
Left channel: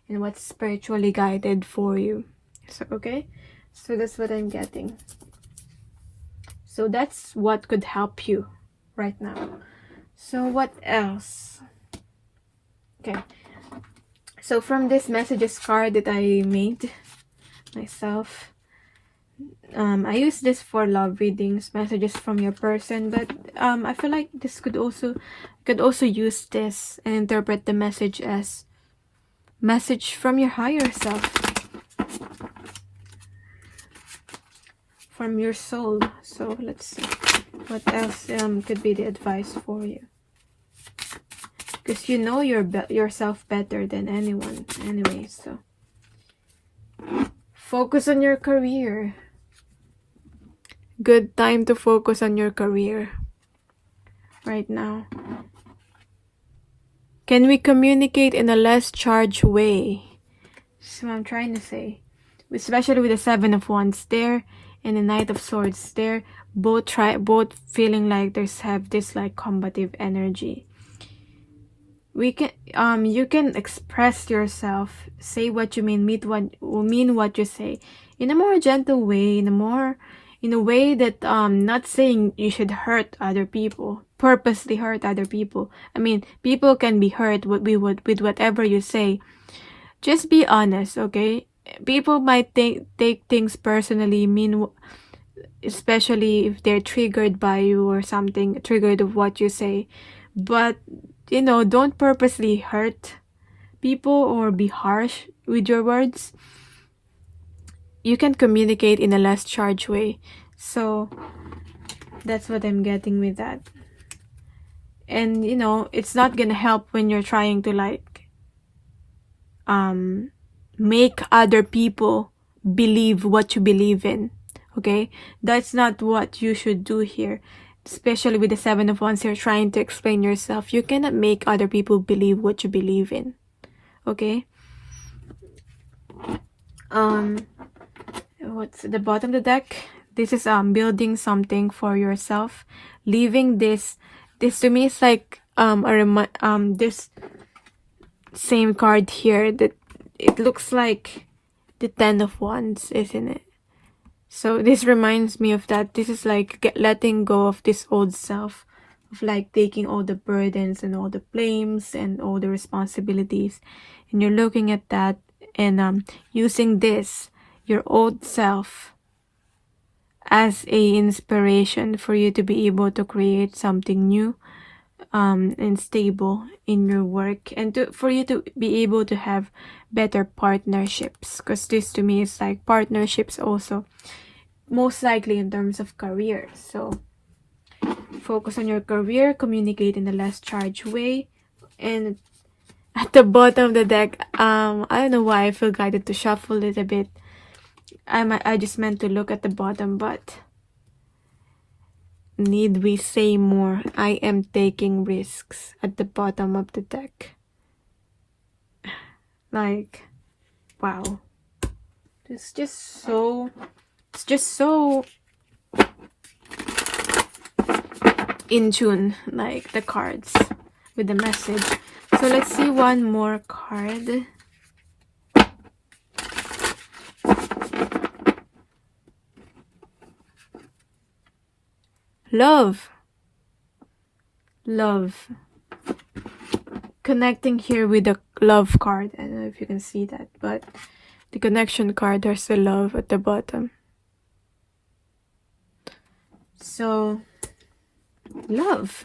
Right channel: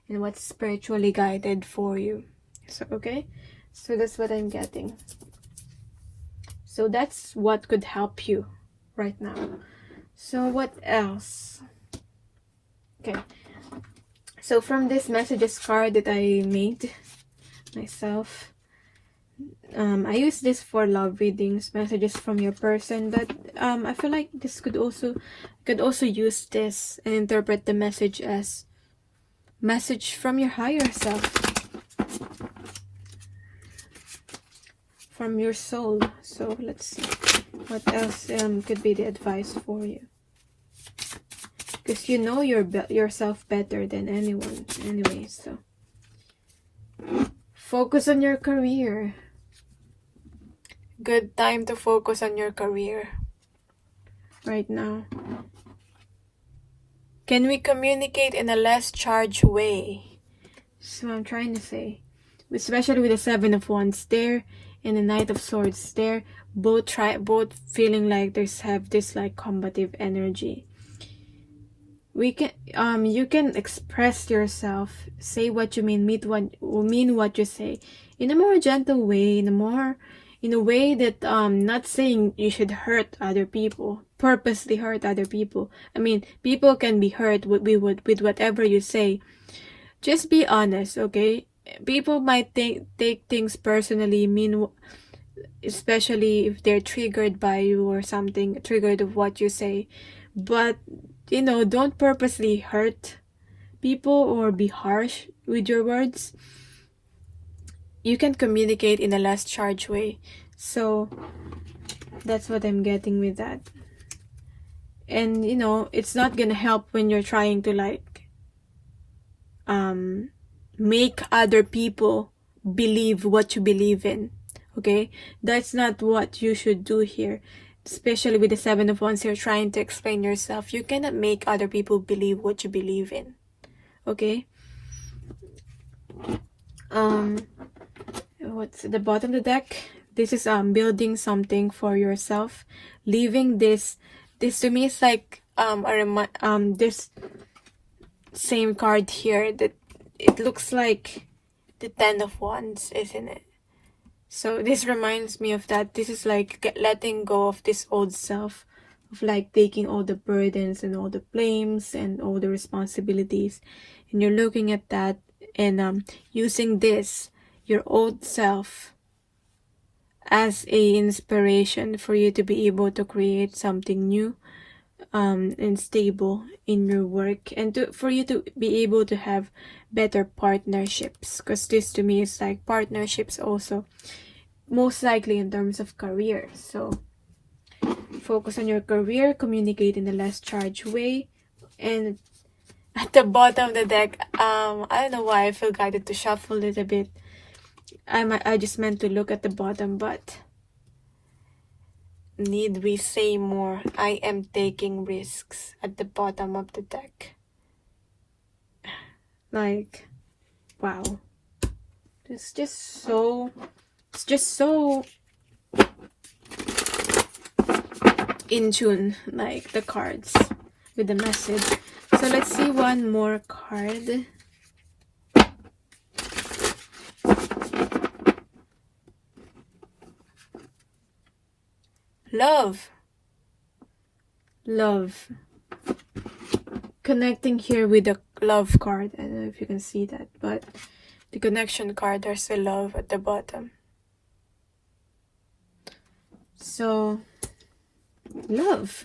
and what's spiritually guided for you. So okay, so that's what I'm getting. So that's what could help you right now. So what else? Okay, so from this messages card that I made myself, I use this for love readings, messages from your person, but I feel like this could also use this and interpret the message as message from your higher self, from your soul. So let's see what else could be the advice for you, because you know yourself better than anyone anyway. So focus on your career. Good time to focus on your career right now. Can we communicate in a less charged way? So I'm trying to say, especially with the 7 of Wands there and the Knight of Swords there, both feeling like have this like combative energy. We can you can express yourself, say what you mean what you say in a more gentle way, in a way that not saying you should hurt other people, purposely hurt other people. I mean, people can be hurt with whatever you say. Just be honest, okay? People might take things personally, especially if they're triggered by you or something, triggered of what you say. But you know, don't purposely hurt people or be harsh with your words. You can communicate in a less charged way. So that's what I'm getting with that. And you know, it's not gonna help when you're trying to like make other people believe what you believe in. Okay, that's not what you should do here. Especially with the 7 of Wands, you're trying to explain yourself. You cannot make other people believe what you believe in. Okay? What's at the bottom of the deck? This is building something for yourself. Leaving this to me is like this same card here, that it looks like the 10 of Wands, isn't it? So this reminds me of that. This is like letting go of this old self, of like taking all the burdens and all the blames and all the responsibilities, and you're looking at that and using this, your old self, as a inspiration for you to be able to create something new and stable in your work, and for you to be able to have better partnerships, because this to me is like partnerships also, most likely in terms of career. So focus on your career, communicate in a less charged way. And at the bottom of the deck, I don't know why I feel guided to shuffle a little bit. I just meant to look at the bottom, but need we say more? I am taking risks at the bottom of the deck. Like, wow. It's just so in tune, like the cards with the message. So let's see one more card. Love. Love. Connecting here with the love card. I don't know if you can see that, but the connection card, there's the love at the bottom. So, love.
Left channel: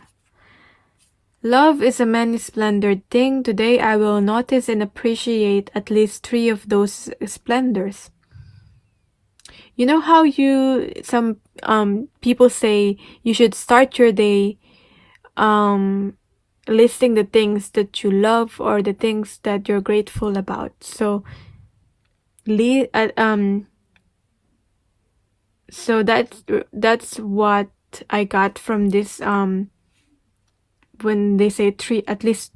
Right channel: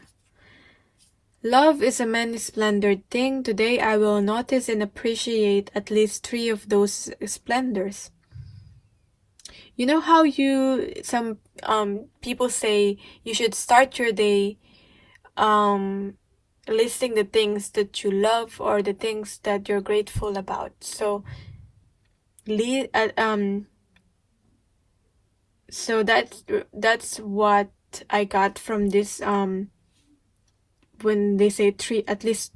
Love is a many-splendored thing. Today I will notice and appreciate at least 3 of those splendors. You know how some people say you should start your day listing the things that you love or the things that you're grateful about. So so that's what I got from this when they say at least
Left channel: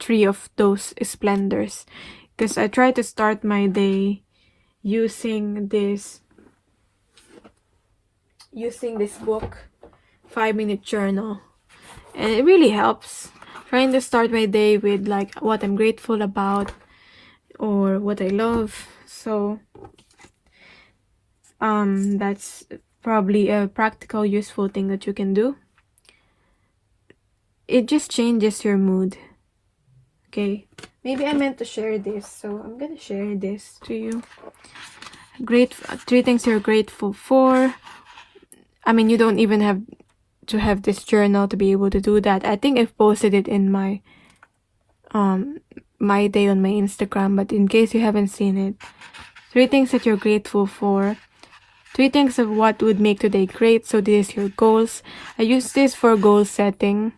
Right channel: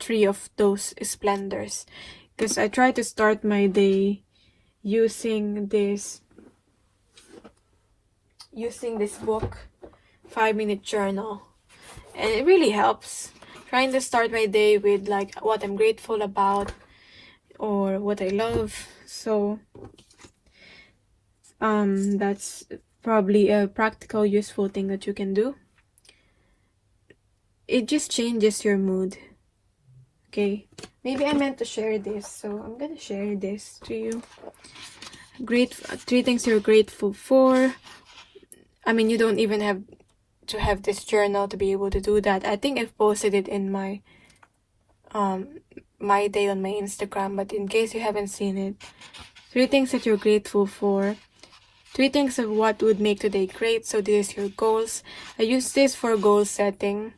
3 of those splendors, because I try to start my day using this book, 5-minute journal, and it really helps trying to start my day with like what I'm grateful about or what I love. So that's probably a practical, useful thing that you can do. It just changes your mood. Okay, maybe I meant to share this, so I'm gonna share this to you. 3 things you're grateful for. I mean, you don't even have to have this journal to be able to do that. I think I've posted it in my my day on my Instagram, but in case you haven't seen it, 3 things that you're grateful for. 3 things of what would make today great. So this is your goals. I use this for goal setting.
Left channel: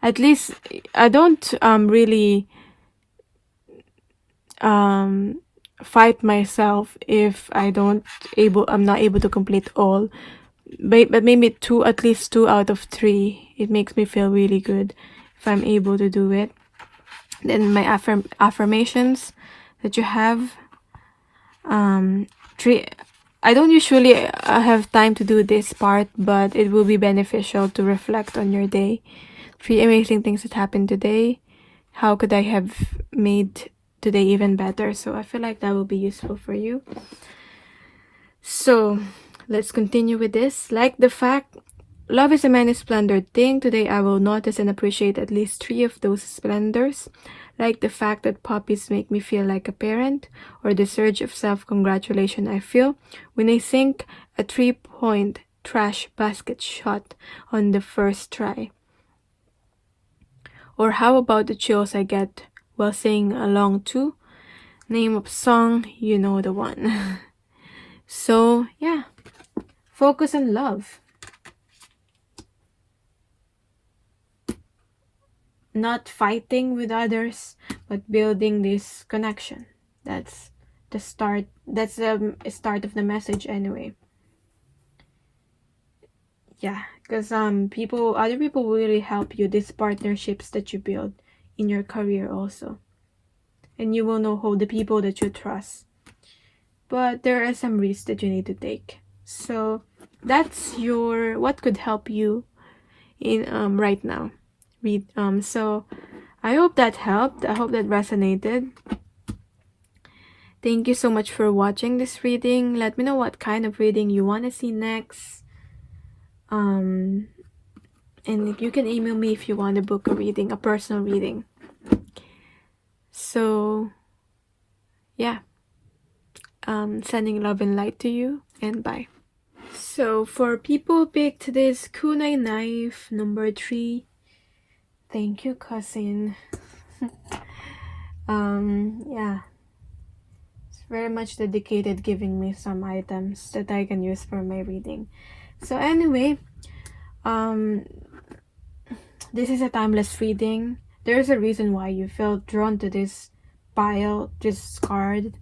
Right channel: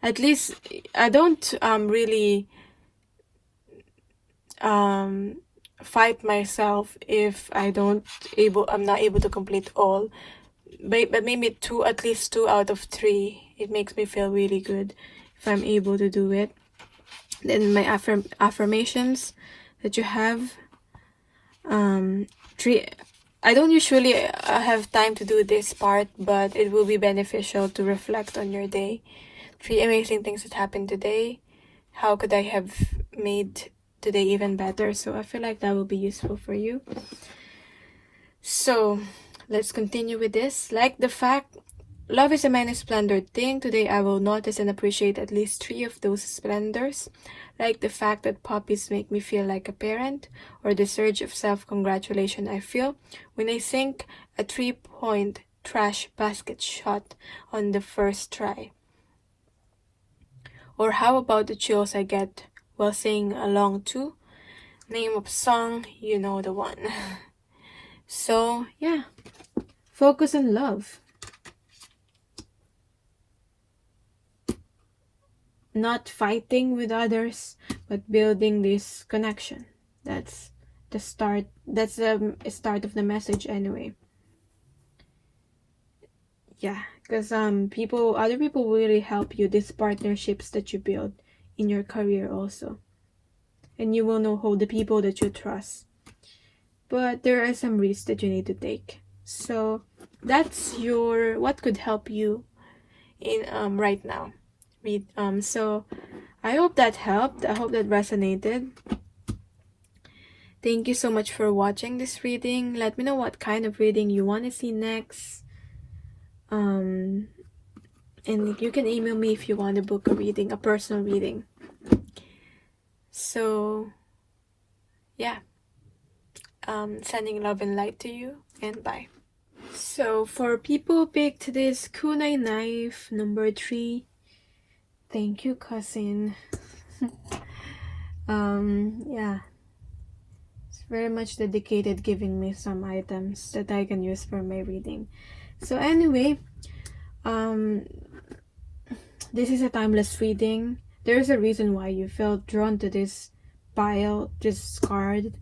At least I don't really fight myself if I'm not able to complete all. But maybe at least 2 out of 3. It makes me feel really good if I'm able to do it. Then my affirmations that you have. 3. I don't usually have time to do this part, but it will be beneficial to reflect on your day. 3 amazing things that happened today. How could I have made today even better? So I feel like that will be useful for you. So let's continue with this. Like the fact, love is a many-splendored thing. Today I will notice and appreciate at least 3 of those splendors. Like the fact that puppies make me feel like a parent, or the surge of self-congratulation I feel when I sink a 3-point trash basket shot on the first try. Or how about the chills I get while singing along to name of song, you know the one. So yeah, focus on love. Not fighting with others, but building this connection. That's the start. That's the start of the message anyway. Yeah, because other people will really help you. These partnerships that you build in your career also, and you will know who the people that you trust. But there are some risks that you need to take. So that's what could help you in right now. So I hope that helped. I hope that resonated. Thank you so much for watching this reading. Let me know what kind of reading you want to see next. And you can email me if you want to book a reading, a personal reading. So yeah, sending love and light to you, and bye. So for people picked this kunai knife number 3, thank you, cousin. Yeah, it's very much dedicated, giving me some items that I can use for my reading. So anyway, this is a timeless reading. There's a reason why you felt drawn to this pile, this card.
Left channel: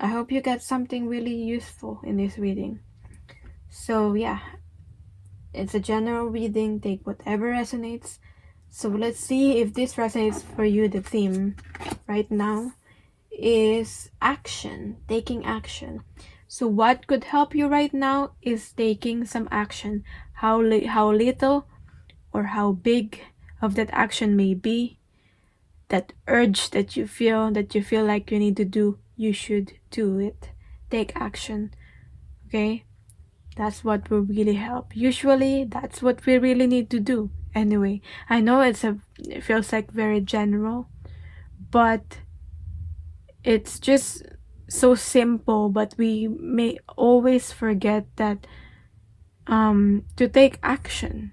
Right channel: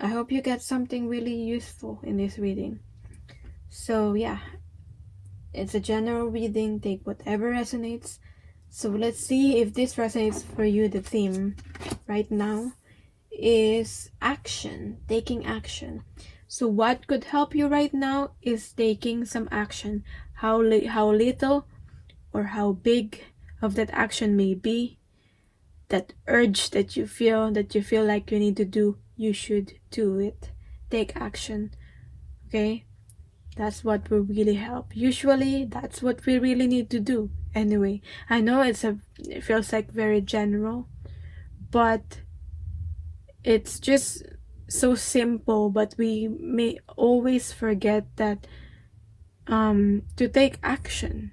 I hope you got something really useful in this reading. So yeah, it's a general reading. Take whatever resonates. So let's see if this resonates for you. The theme right now is action, taking action. So what could help you right now is taking some action. How little or how big of that action may be, that urge that you feel like you need to do, you should do it. Take action. Okay? That's what will really help. Usually, that's what we really need to do. Anyway, I know it feels like very general, but it's just so simple. But we may always forget that to take action.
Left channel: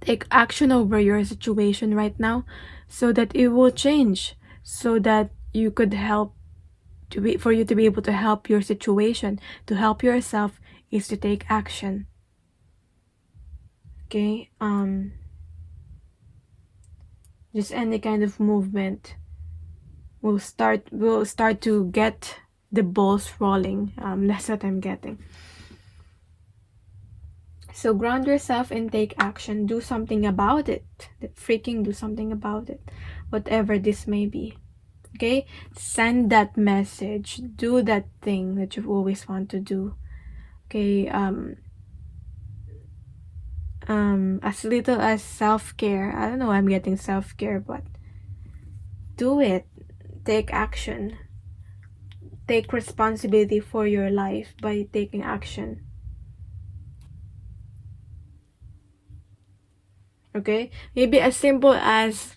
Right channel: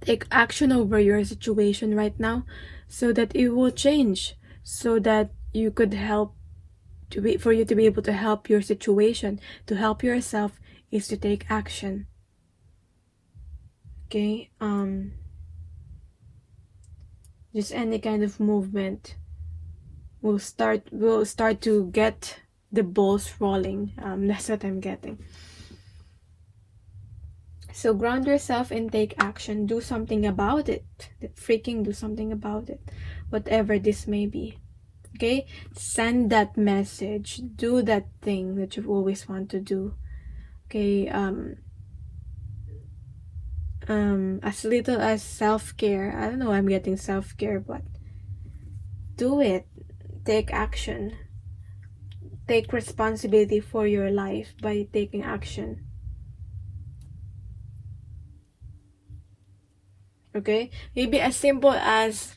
Take action over your situation right now, so that it will change. So that you could help for you to be able to help your situation, to help yourself, is to take action. Okay, just any kind of movement will start to get the balls rolling. That's what I'm getting. So ground yourself and take action. Do something about it. Freaking do something about it, whatever this may be. Okay, send that message. Do that thing that you've always wanted to do. Okay, as little as self-care. I don't know, I'm getting self-care, but do it. Take action. Take responsibility for your life by taking action. Okay, maybe as simple as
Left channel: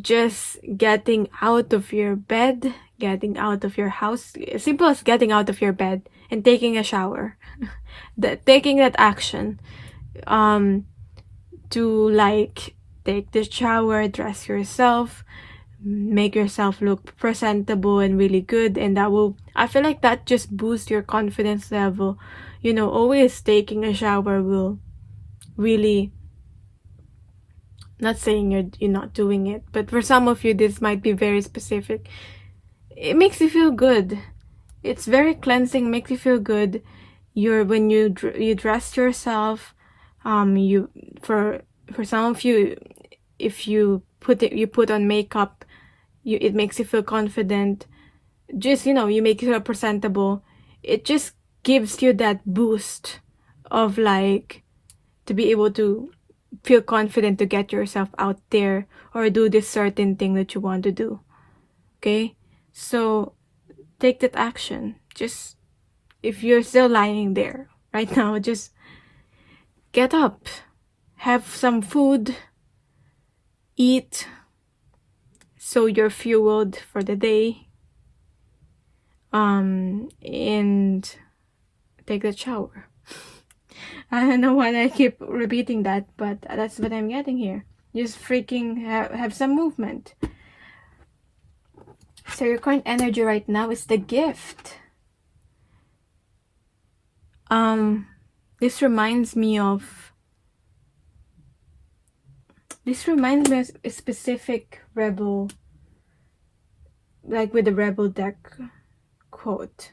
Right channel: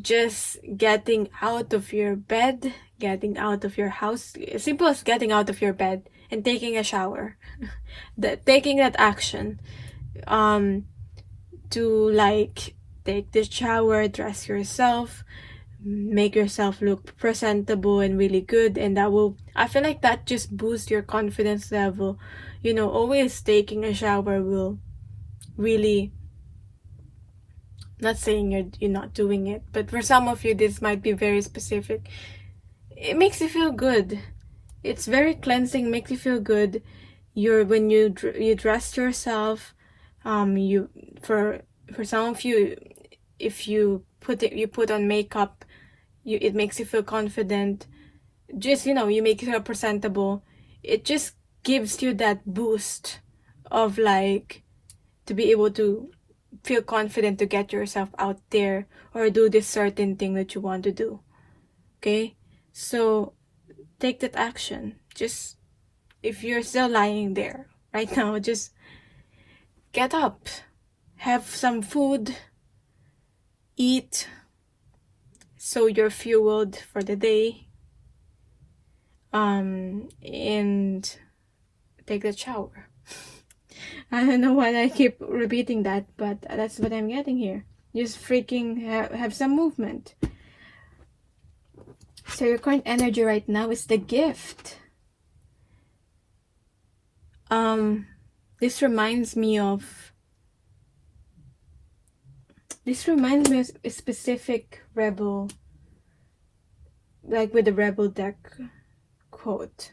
just getting out of your bed, getting out of your house, as simple as getting out of your bed and taking a shower. Taking that action, to like take the shower, dress yourself, make yourself look presentable and really good, and I feel like that just boosts your confidence level. You know, always taking a shower will really, not saying you're not doing it, but for some of you this might be very specific. It makes you feel good. It's very cleansing, makes you feel good. When you dress yourself, you for some of you, if you put on makeup, it makes you feel confident. Just, you make yourself presentable. It just gives you that boost of like to be able to feel confident to get yourself out there or do this certain thing that you want to do. Okay, so take that action. Just, if you're still lying there right now, just get up, have some food, eat, so you're fueled for the day, and take a shower. I don't know why I keep repeating that, but that's what I'm getting here. Just freaking have some movement. So your current energy right now is the gift. This reminds me of a specific rebel, like with the rebel deck quote.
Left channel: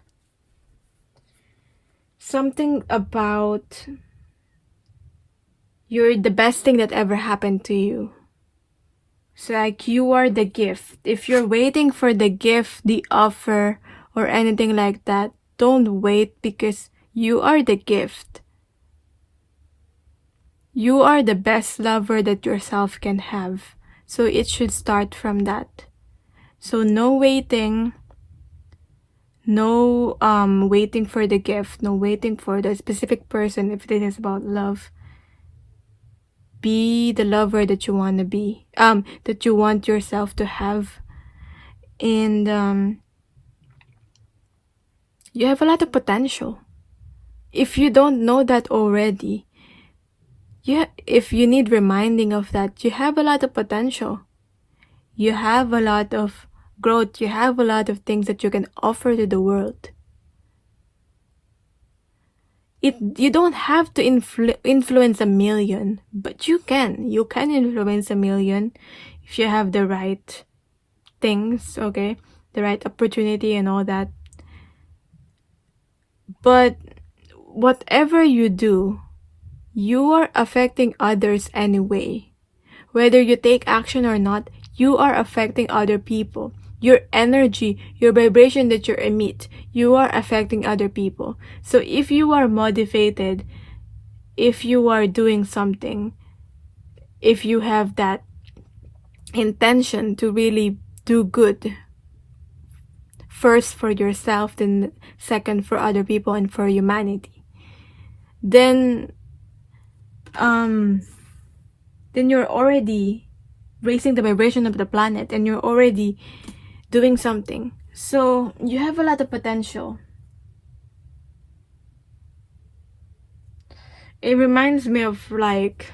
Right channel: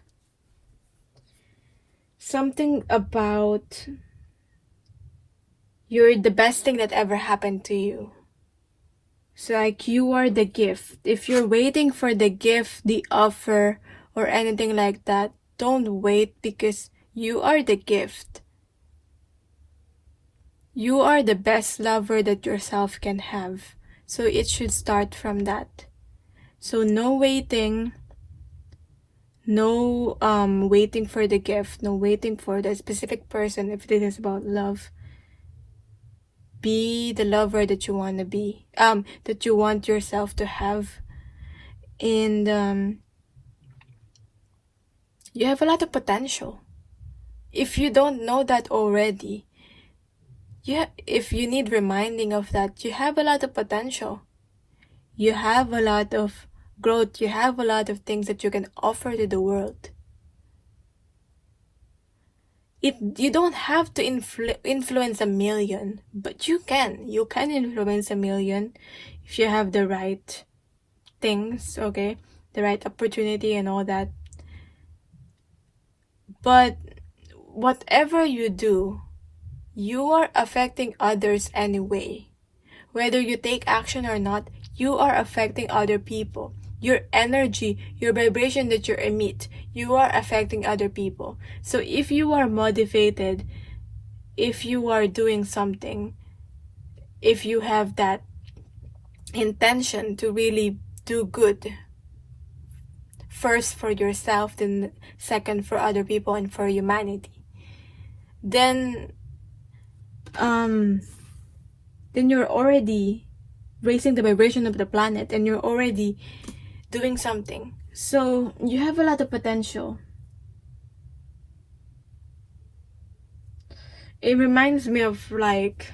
Something about you're the best thing that ever happened to you. So like you are the gift. If you're waiting for the gift, the offer, or anything like that, don't wait, because you are the gift. You are the best lover that yourself can have. So it should start from that. So no waiting. No waiting for the gift. No waiting for the specific person if this is about love. Be the lover that you want to be. That you want yourself to have. And you have a lot of potential. If you don't know that already, if you need reminding of that, you have a lot of potential. You have a lot of growth. You have a lot of things that you can offer to the world. You don't have to influence a million, but you can. You can influence a million if you have the right things, okay? The right opportunity and all that. But whatever you do, you are affecting others anyway. whether you take action or not, you are affecting other people. Your energy, your vibration that you emit, you are affecting other people. So if you are motivated, if you are doing something, if you have that intention to really do good, first for yourself, then second for other people and for humanity, then you're already raising the vibration of the planet, and you're already doing something. So you have a lot of potential. It reminds me of like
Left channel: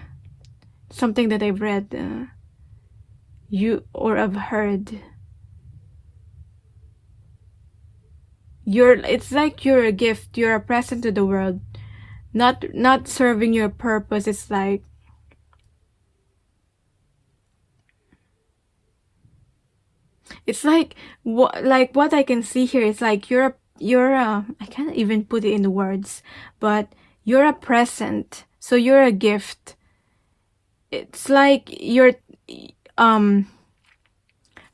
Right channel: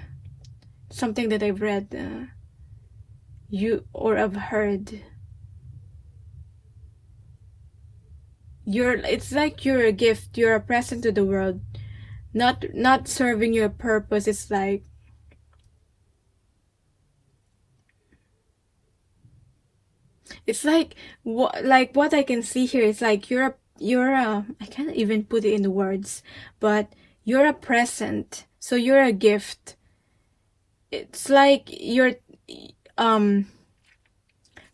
something that I've read, or I've heard. It's like you're a gift, you're a present to the world, not serving your purpose. It's like what I can see here is like you're I can't even put it in the words, but you're a present, so you're a gift. It's like you're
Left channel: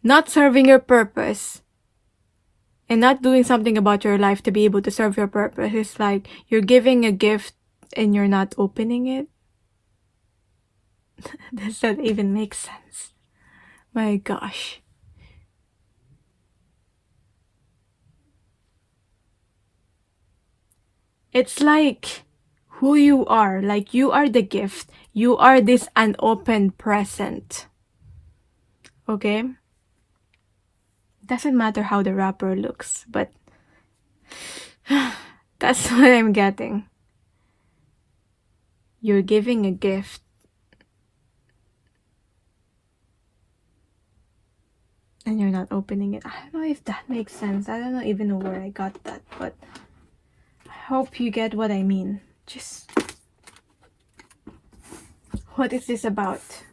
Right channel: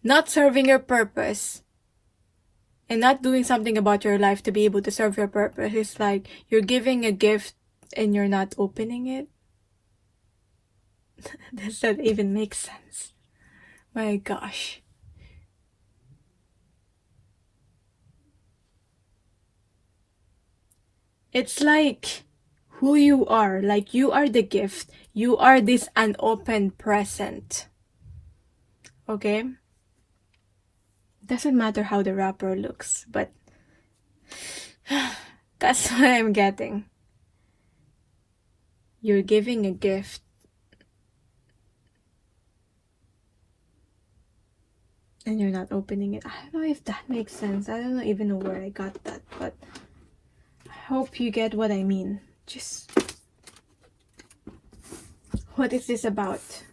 not serving your purpose and not doing something about your life to be able to serve your purpose. It's like you're giving a gift and you're not opening it. Does that even make sense? My gosh. It's like who you are. Like you are the gift. You are this unopened present. Okay? Doesn't matter how the wrapper looks, but that's what I'm getting. You're giving a gift. And you're not opening it. I don't know if that makes sense. I don't even know where I got that, but I hope you get what I mean. Just, what is this about?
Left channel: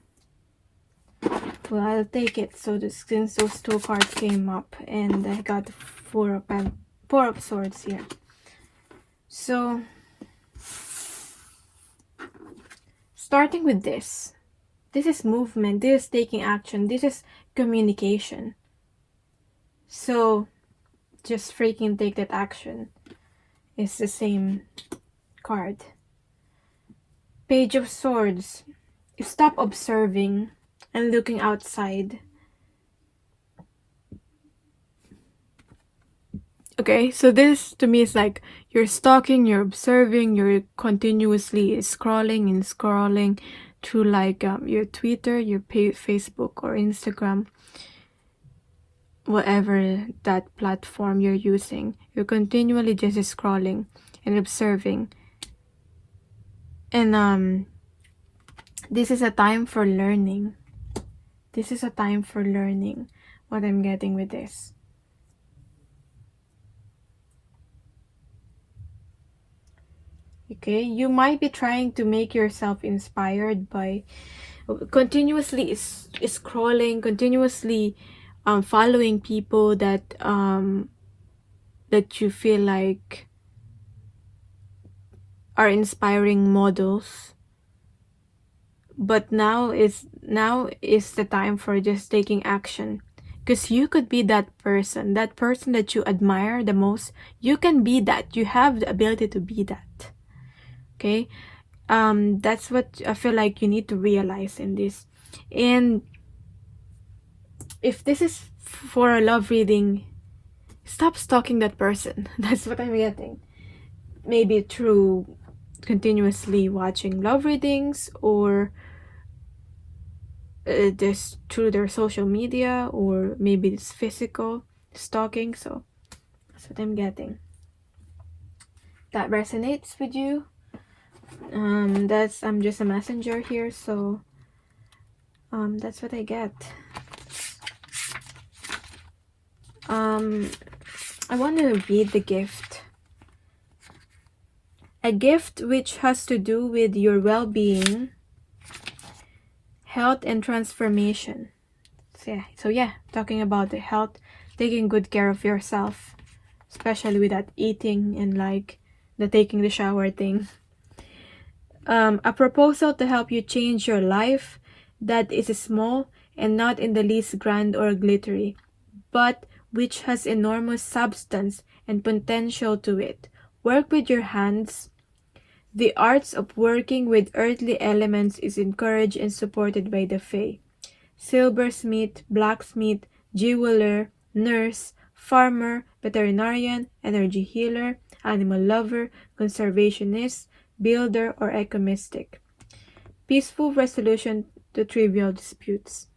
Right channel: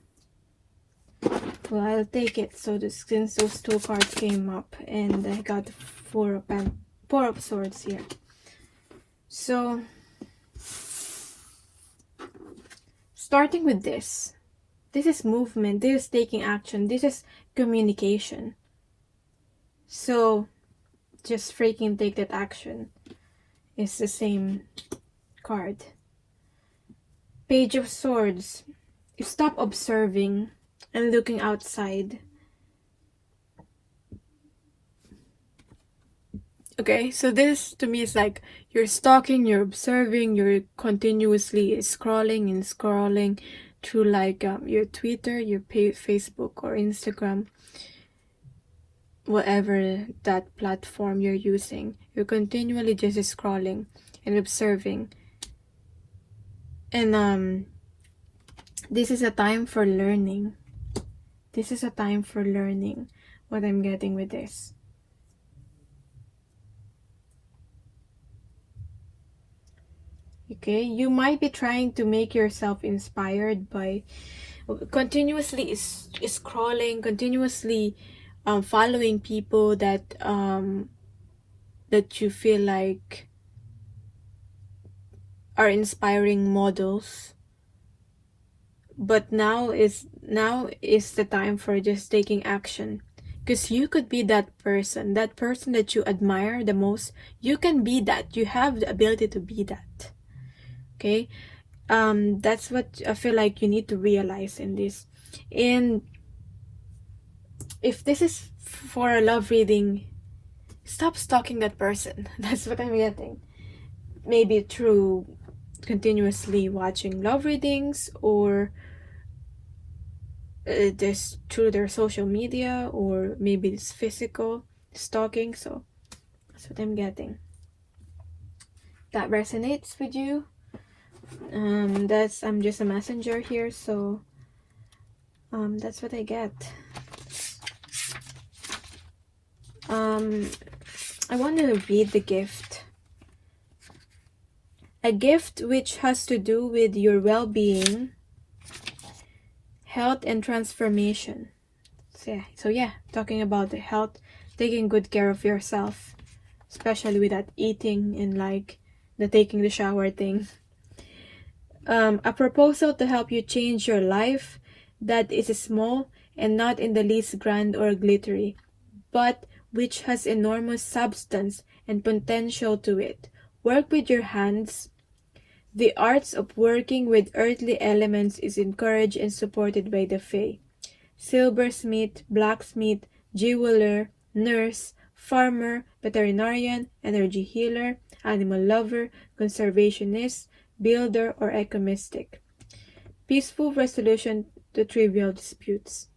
Well, I'll take it. So since those two cards came up, and I got four of swords here. So, starting with this is movement. This is taking action. This is communication. So, just freaking take that action. It's the same card. Page of Swords. You stop observing and looking outside. Okay, so this to me is like you're stalking, you're observing, you're continuously scrolling through like your Twitter, your Facebook or Instagram, whatever that platform you're using. You're continually just scrolling and observing. And this is a time for learning. This is a time for learning, what I'm getting with this. Okay, you might be trying to make yourself inspired by continuously scrolling, continuously following people that you feel like are inspiring models. But now is the time for just taking action, because you could be that person that you admire the most. You can be that. You have the ability to be that. Okay, that's what I feel like you need to realize in this. And if this is for a love reading, stop stalking that person. That's what I'm getting. Maybe through continuously watching love readings, or just through their social media, or maybe it's physical stalking. So that's what I'm getting. That resonates with you. I'm just a messenger here, so that's what I get. I want to read the gift. A gift which has to do with your well-being, health, and transformation. So yeah, talking about the health, taking good care of yourself, especially with that eating and like the taking the shower thing. A proposal to help you change your life, that is small and not in the least grand or glittery, but which has enormous substance and potential to it. Work with your hands. The arts of working with earthly elements is encouraged and supported by the Fae. Silversmith, blacksmith, jeweler, nurse, farmer, veterinarian, energy healer, animal lover, conservationist, builder, or ecomistic. Peaceful resolution to trivial disputes.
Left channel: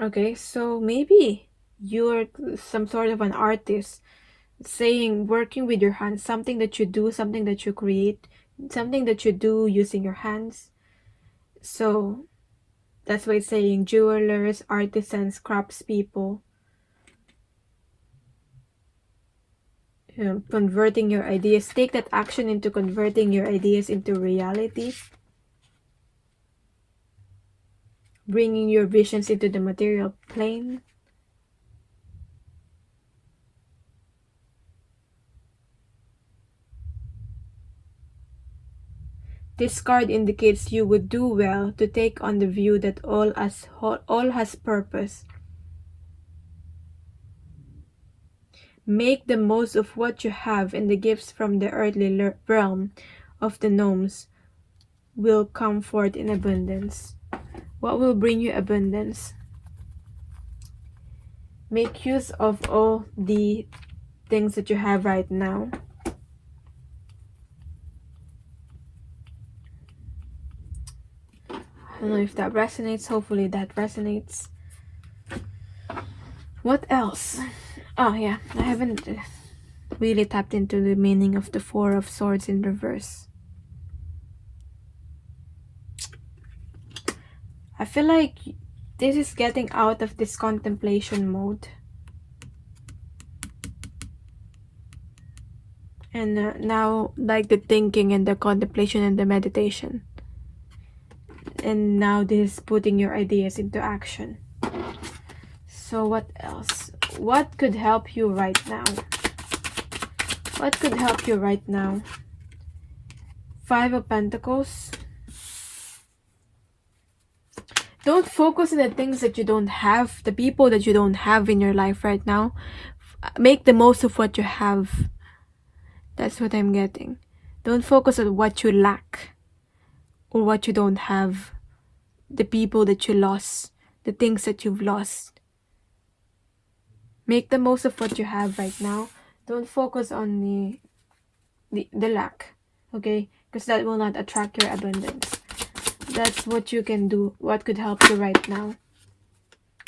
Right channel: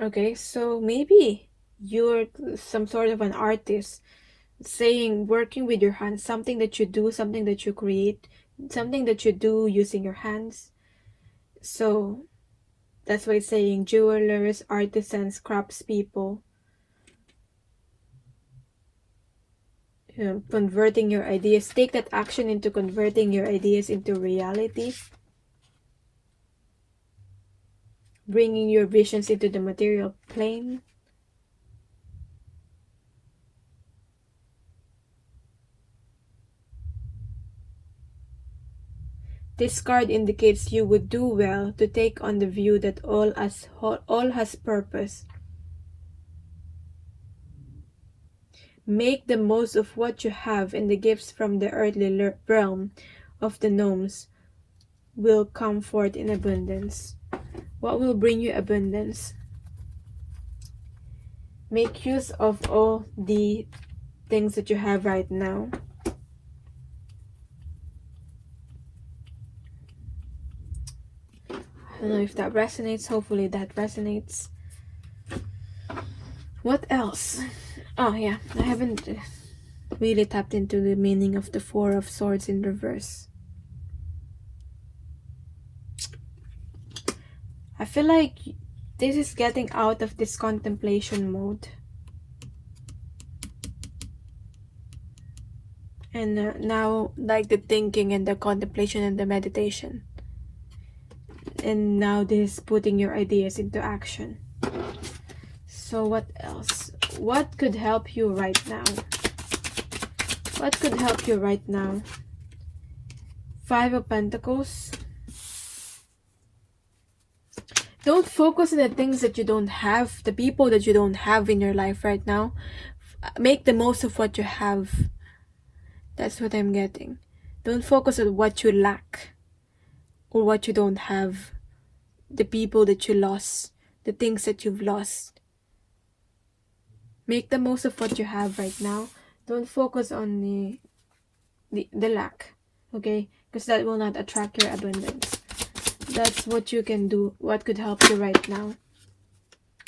Okay, so maybe you're some sort of an artist, saying working with your hands, something that you do, something that you create, something that you do using your hands. So that's why it's saying jewelers, artisans, craftspeople, converting your ideas. Take that action into converting your ideas into reality. Bringing your visions into the material plane. This card indicates you would do well to take on the view that all has purpose. Make the most of what you have, and the gifts from the earthly realm of the gnomes will come forth in abundance. What will bring you abundance? Make use of all the things that you have right now. I don't know if that resonates. Hopefully that resonates. What else? Oh yeah, I haven't really tapped into the meaning of the Four of Swords in reverse. I feel like this is getting out of this contemplation mode. And now, like the thinking and the contemplation and the meditation. And now this is putting your ideas into action. So what else? What could help you right now? What could help you right now? Five of Pentacles. Don't focus on the things that you don't have, the people that you don't have in your life right now. Make the most of what you have. That's what I'm getting. Don't focus on what you lack or what you don't have, the people that you lost, the things that you've lost. Make the most of what you have right now. Don't focus on the lack, okay? Because that will not attract your abundance. That's what you can do. What could help you right now?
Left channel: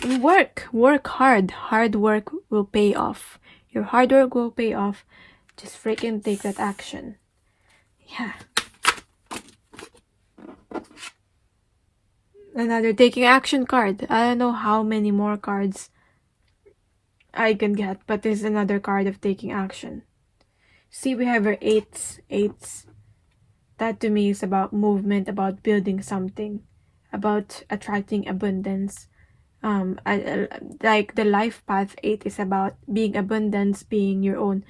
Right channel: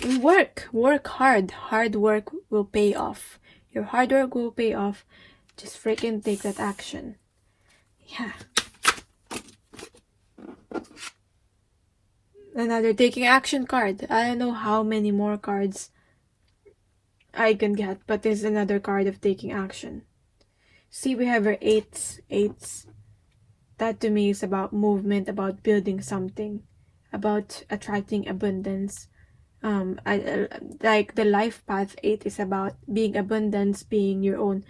And work hard. Hard work will pay off. Your hard work will pay off. Just freaking take that action. Yeah. Another taking action card. I don't know how many more cards I can get, but this is another card of taking action. See, we have our eights. That to me is about movement, about building something, about attracting abundance. Like the life path 8 is about being abundance, being your own,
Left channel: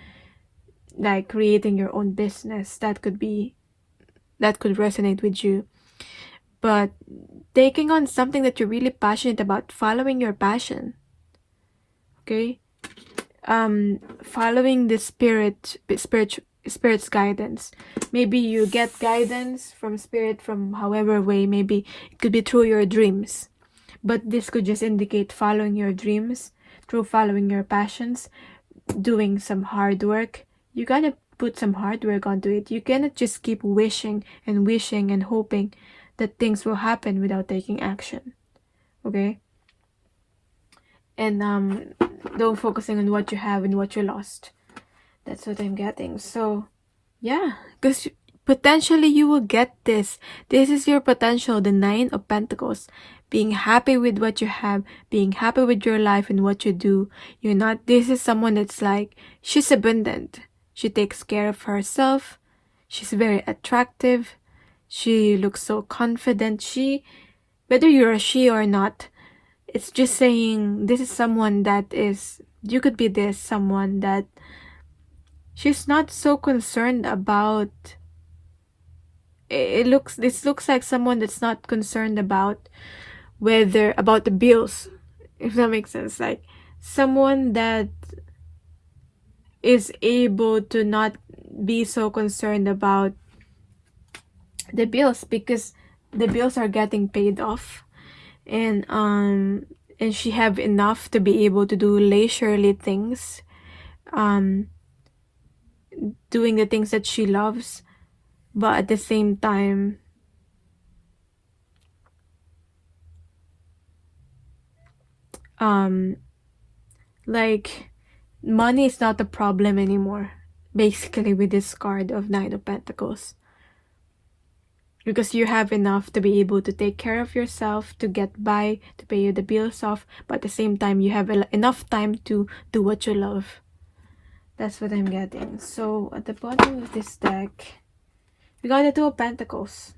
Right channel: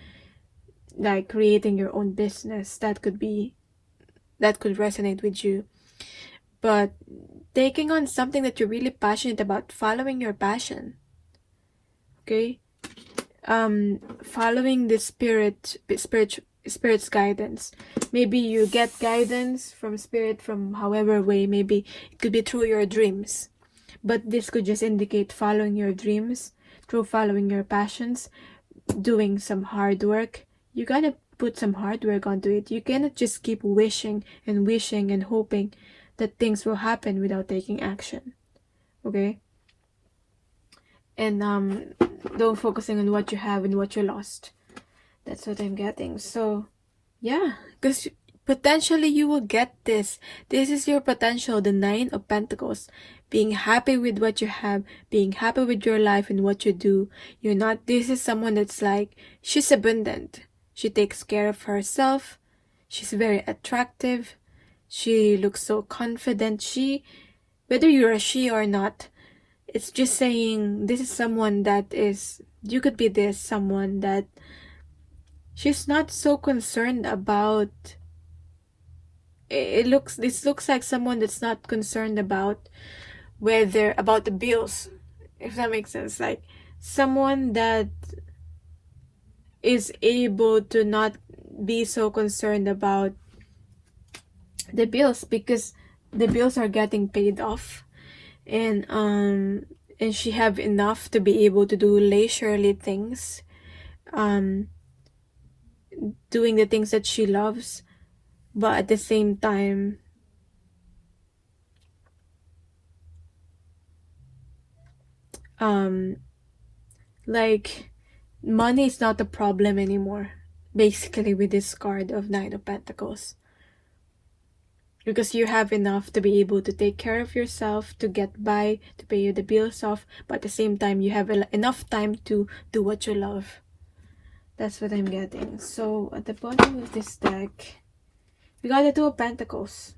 like creating your own business. That could resonate with you. But taking on something that you're really passionate about, following your passion. Okay? Following the spirit's guidance. Maybe you get guidance from spirit from however way. Maybe it could be through your dreams. But this could just indicate following your dreams, through following your passions, doing some hard work. You gotta put some hard work onto it. You cannot just keep wishing and hoping that things will happen without taking action. Okay? And don't focusing on what you have and what you lost. That's what I'm getting. So yeah, because potentially you will get this. This is your potential, the 9 of Pentacles. Being happy with what you have, being happy with your life and what you do. You're not, this is someone that's like, she's abundant. She takes care of herself. She's very attractive. She looks so confident. Whether you're a she or not, it's just saying this is someone that is, you could be this someone that she's not so concerned about this looks like someone that's not concerned about about the bills, if that makes sense. Like someone that is able to not be so concerned about the bills, because the bills are getting paid off, and she have enough to be able to do leisurely things, um doing the things that she loves, but at the same time um like money is not a problem anymore, basically, with this card of Nine of Pentacles, because you have enough to be able to take care of yourself, to get by, to pay the bills off, but at the same time you have enough time to do what you love. That's what I'm getting. So at the bottom of this deck, we got the Two of Pentacles.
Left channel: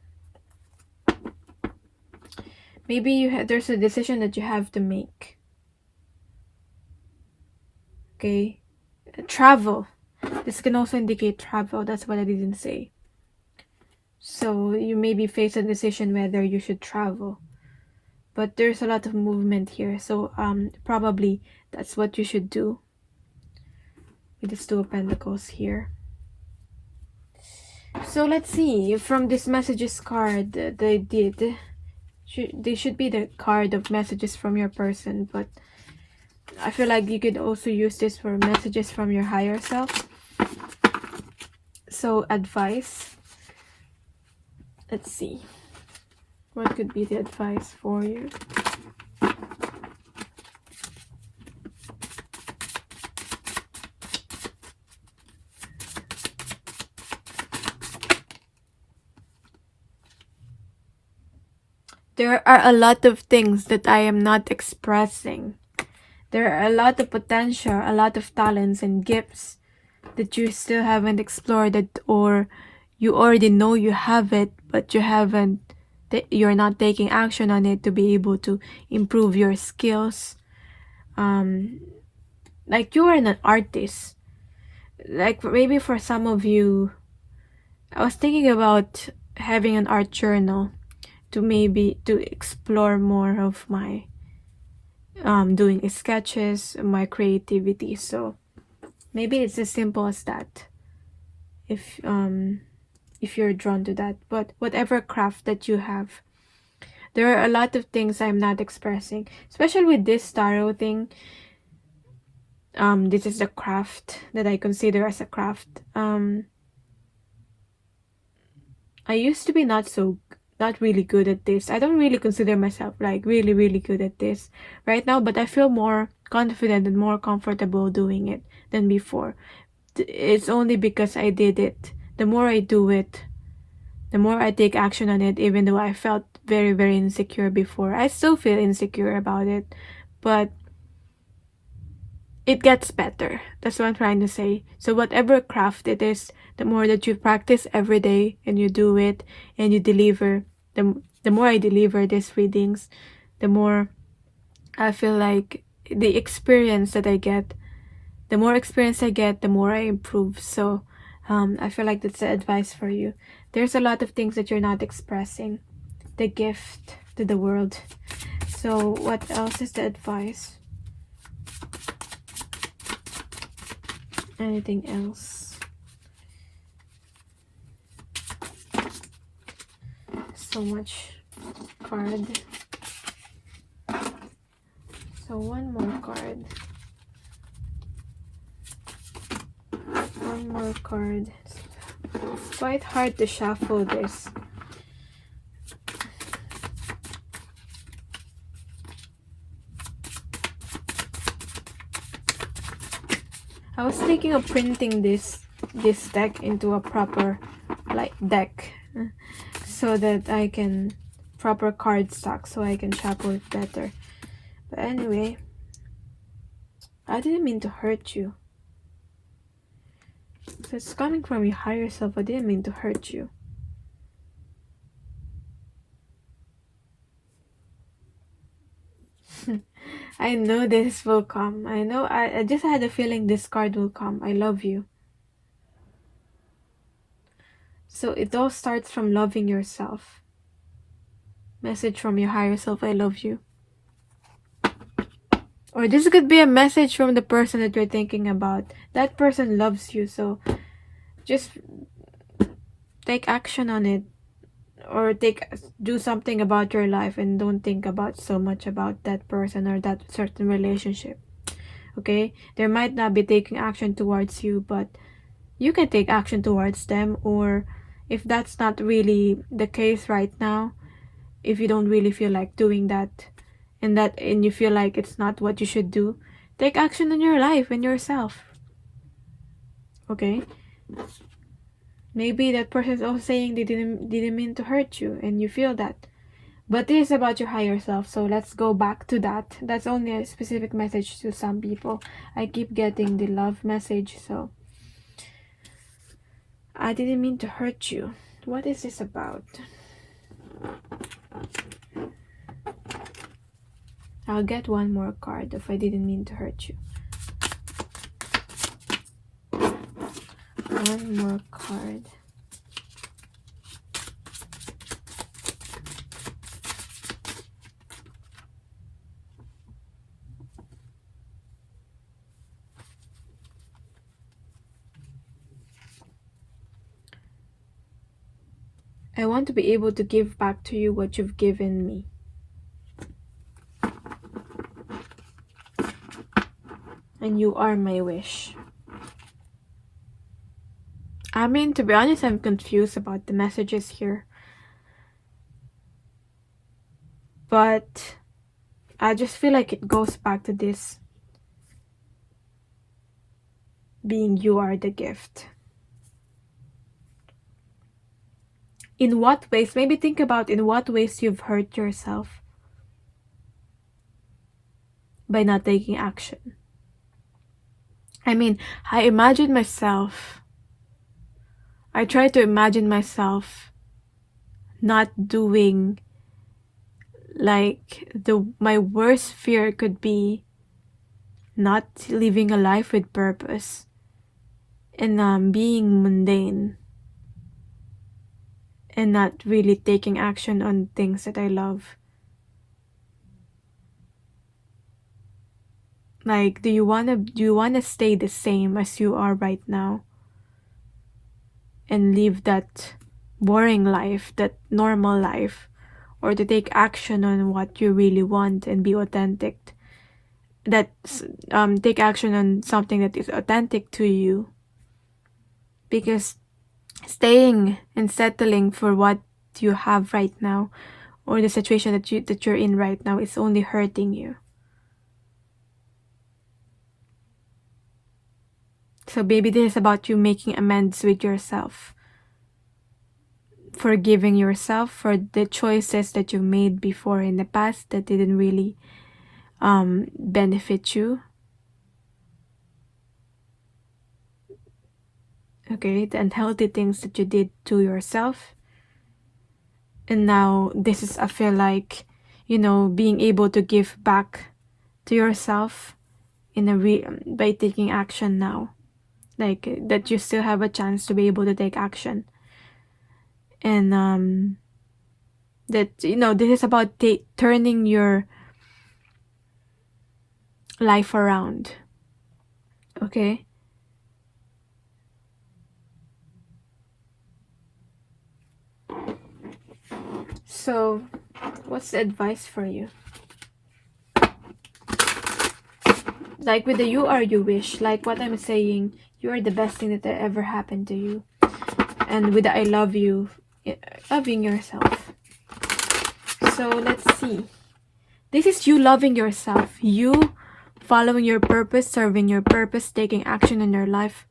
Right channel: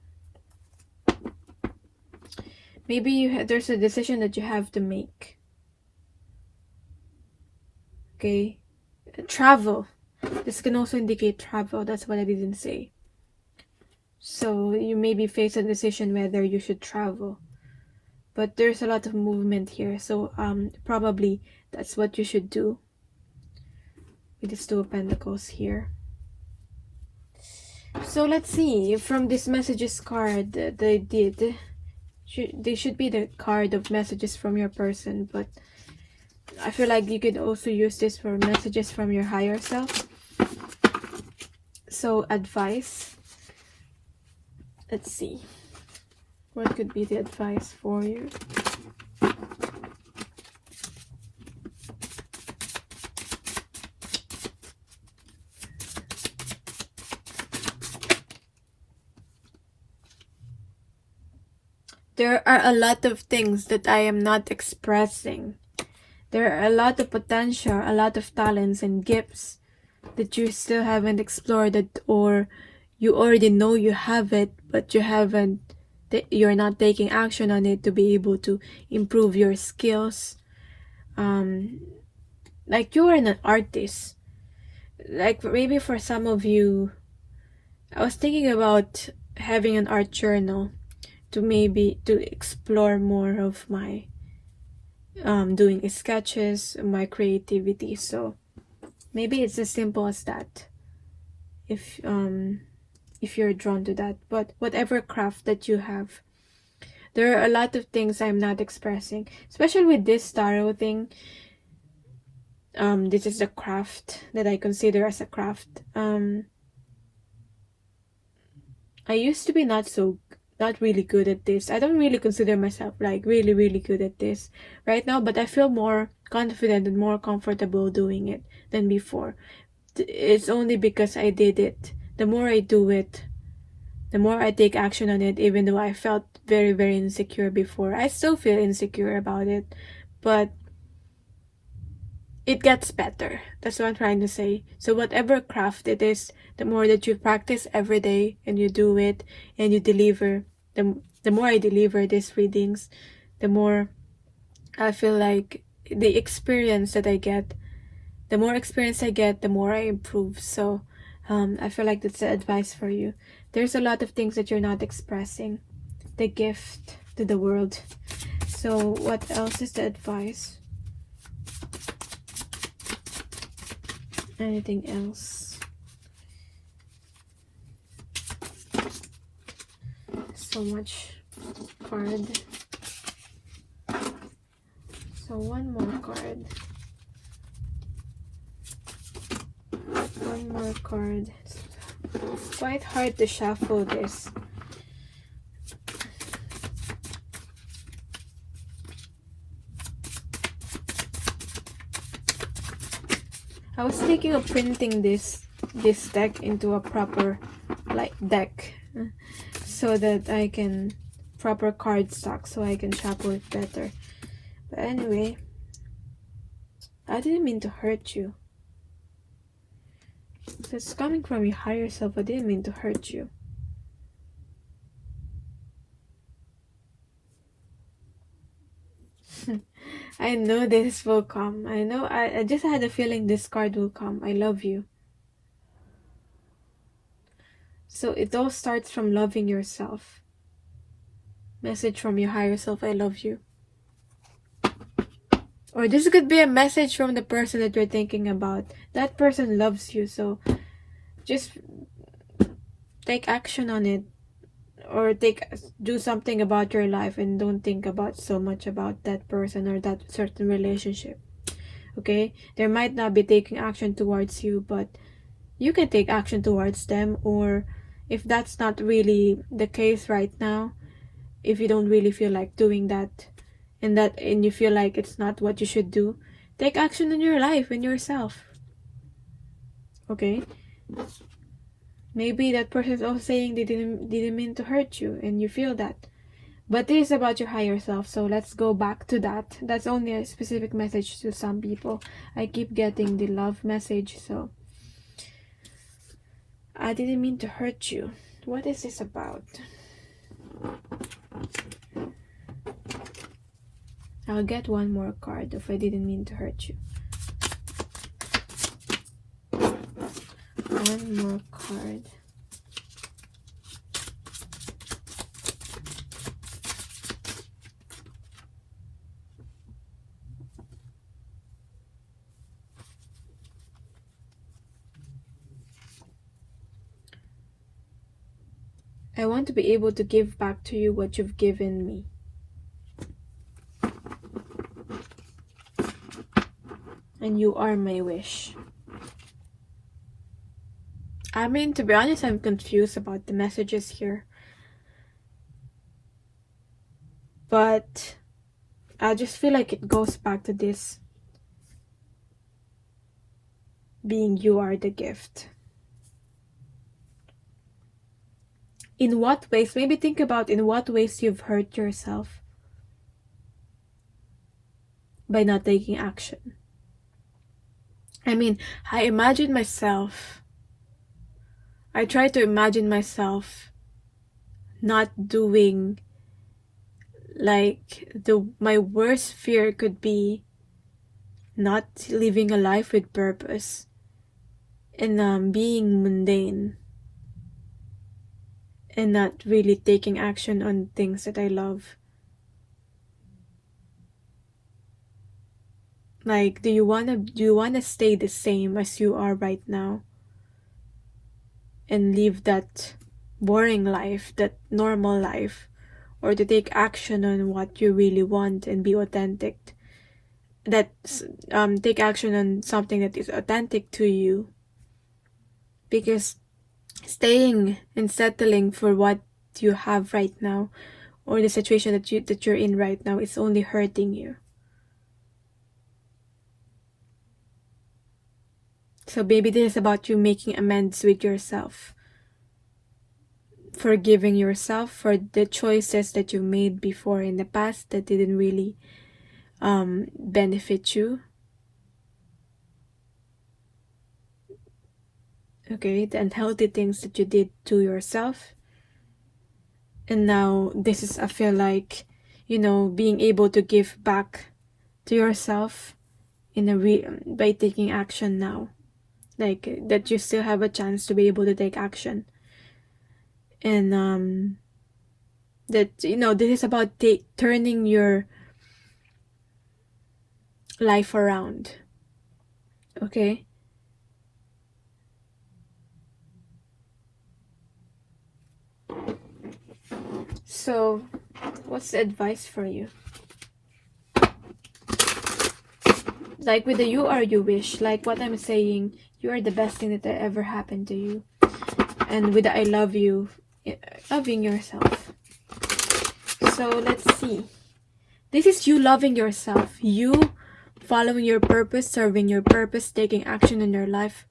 Maybe there's a decision that you have to make. Okay, travel. This can also indicate travel. That's what I didn't say. So you maybe face a decision whether you should travel, but there's a lot of movement here, so probably that's what you should do with this Two of Pentacles here. So let's see, from this messages card, they should be the card of messages from your person, but I feel like you could also use this for messages from your higher self. So advice. Let's see. What could be the advice for you? There are a lot of things that I am not expressing. There are a lot of potential, a lot of talents and gifts that you still haven't explored, or you already know you have it, but you're not taking action on it to be able to improve your skills. Like you are an artist. Like maybe for some of you, I was thinking about having an art journal to explore more of my doing sketches, my creativity. So maybe it's as simple as that, if you're drawn to that. But whatever craft that you have, there are a lot of things I'm not expressing, especially with this tarot thing. This is a craft that I consider as a craft. I used to be not really good at this. I don't really consider myself like really good at this right now, but I feel more confident and more comfortable doing it than before. It's only because I did it. The more I do it, the more I take action on it, even though I felt very insecure before. I still feel insecure about it, but it gets better. That's what I'm trying to say. So whatever craft it is, the more that you practice every day and you do it and you deliver, the more I deliver these readings, the more I feel like the experience that I get, the more experience I get, the more I improve. So I feel like that's the advice for you. There's a lot of things that you're not expressing. The gift to the world. So what else is the advice? Anything else? So much card. So one more card. One more card. It's quite hard to shuffle this. I was thinking of printing this deck into a proper deck, so that I can proper card stock, so I can shuffle it better. But anyway, I didn't mean to hurt you. So it's coming from your higher self. I didn't mean to hurt you. I know this will come. I know. I just had a feeling this card will come. I love you. So it all starts from loving yourself. Message from your higher self, I love you. Or this could be a message from the person that you're thinking about. That person loves you, so just take action on it. Or do something about your life and don't think about so much about that person or that certain relationship. Okay? They might not be taking action towards you, but you can take action towards them. Or if that's not really the case right now, if you don't really feel like doing that and you feel like it's not what you should do, take action in your life and yourself. Okay? Maybe that person is also saying they didn't mean to hurt you and you feel that. But this is about your higher self, so let's go back to that. That's only a specific message to some people. I keep getting the love message, so I didn't mean to hurt you. What is this about? I'll get one more card if I didn't mean to hurt you. One more card. I want to be able to give back to you what you've given me. And you are my wish. I mean, to be honest, I'm confused about the messages here. But I just feel like it goes back to this being you are the gift. In what ways? Maybe think about in what ways you've hurt yourself by not taking action. I mean, I try to imagine myself not doing, like, my worst fear could be not living a life with purpose and being mundane and not really taking action on things that I love. Like, do you wanna stay the same as you are right now and live that boring life, that normal life, or to take action on what you really want and be authentic? Take action on something that is authentic to you, because staying and settling for what you have right now or the situation that you're in right now is only hurting you. So maybe this is about you making amends with yourself, forgiving yourself for the choices that you made before in the past that didn't really benefit you. Okay, the unhealthy things that you did to yourself. And now this is, I feel like, being able to give back to yourself by taking action now. Like, that you still have a chance to be able to take action. And that, this is about turning your life around. Okay? So, what's the advice for you? Like with the you are you wish, like what I'm saying, you are the best thing that ever happened to you. And with the I love you, loving yourself. So let's see. This is you loving yourself. You following your purpose, serving your purpose, taking action in your life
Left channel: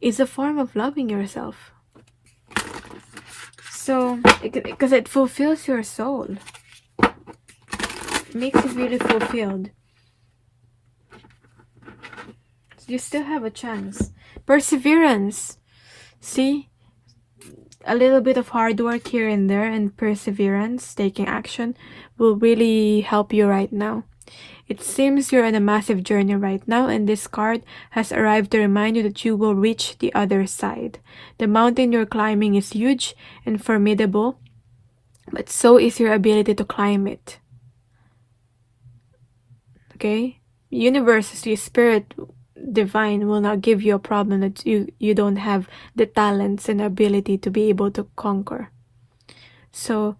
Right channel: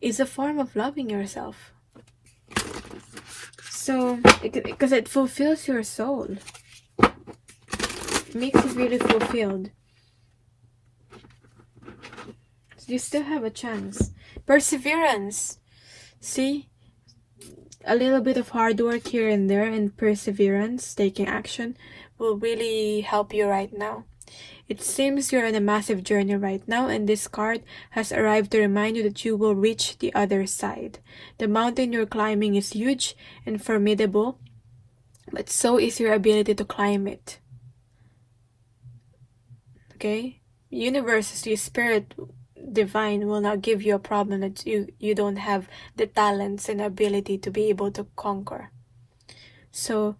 is a form of loving yourself. So, because it fulfills your soul. It makes you really fulfilled. You still have a chance. Perseverance. See? A little bit of hard work here and there and perseverance, taking action, will really help you right now. It seems you're on a massive journey right now, and this card has arrived to remind you that you will reach the other side. The mountain you're climbing is huge and formidable, but so is your ability to climb it. Okay? Universe, your spirit divine will not give you a problem that you don't have the talents and ability to be able to conquer. So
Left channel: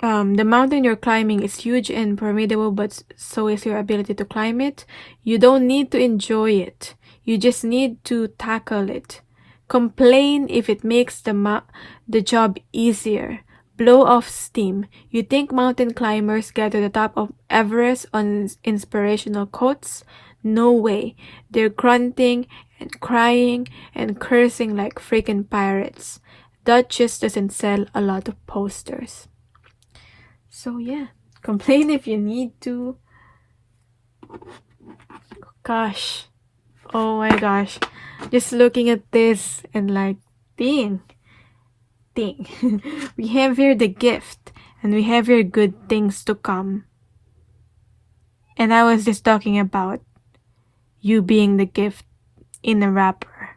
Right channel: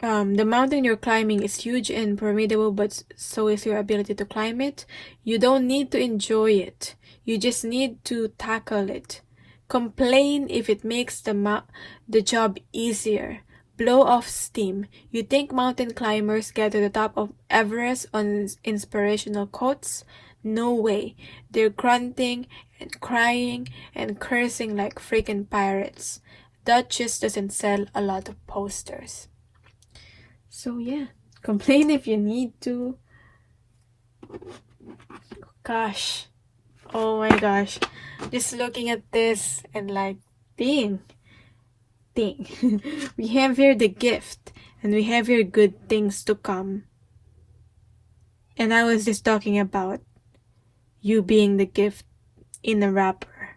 the mountain you're climbing is huge and formidable, but so is your ability to climb it. You don't need to enjoy it. You just need to tackle it. Complain if it makes the job easier. Blow off steam. You think mountain climbers get to the top of Everest on inspirational quotes? No way. They're grunting and crying and cursing like freaking pirates. That just doesn't sell a lot of posters. So yeah, complain if you need to. Gosh. Oh my gosh. Just looking at this and like, dang. We have here the gift, and we have here good things to come. And I was just talking about you being the gift in a wrapper.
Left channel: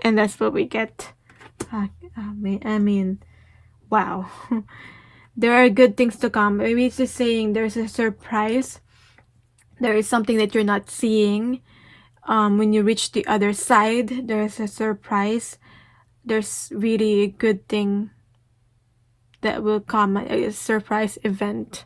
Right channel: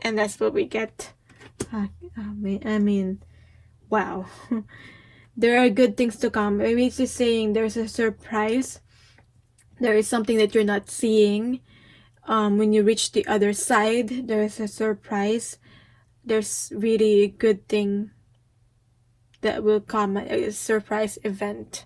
And that's what we get. I mean, wow. There are good things to come. Maybe it's just saying there's a surprise. There is something that you're not seeing. When you reach the other side, there's a surprise. There's really a good thing that will come, a surprise event.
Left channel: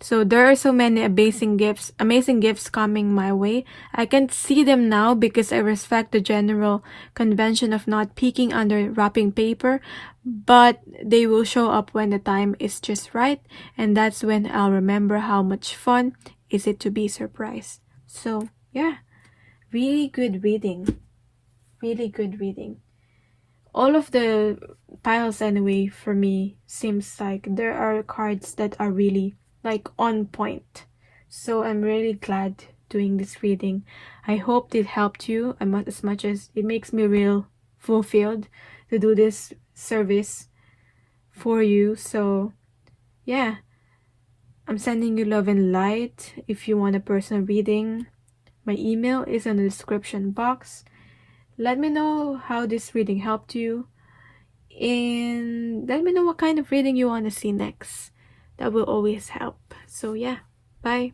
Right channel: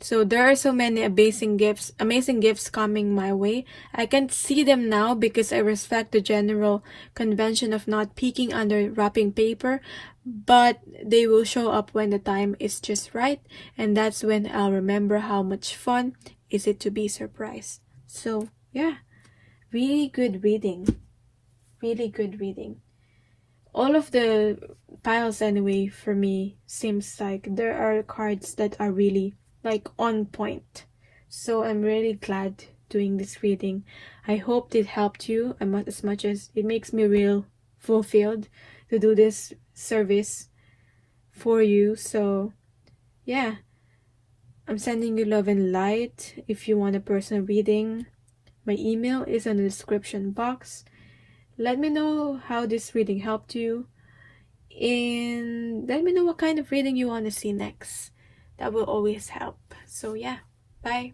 So there are so many amazing gifts coming my way. I can't see them now because I respect the general convention of not peeking under wrapping paper, but they will show up when the time is just right, and that's when I'll remember how much fun is it to be surprised. So yeah, really good reading. Really good reading. All of the piles anyway for me seems like there are cards that are really like on point. So I'm really glad doing this reading. I hope it helped you as much as it makes me real fulfilled to do this service for you. So yeah, I'm sending you love and light. If you want a personal reading, my email is in the description box. Let me know how this reading helped you, and let me know what kind of reading you want to see next. That will always help. So yeah, bye.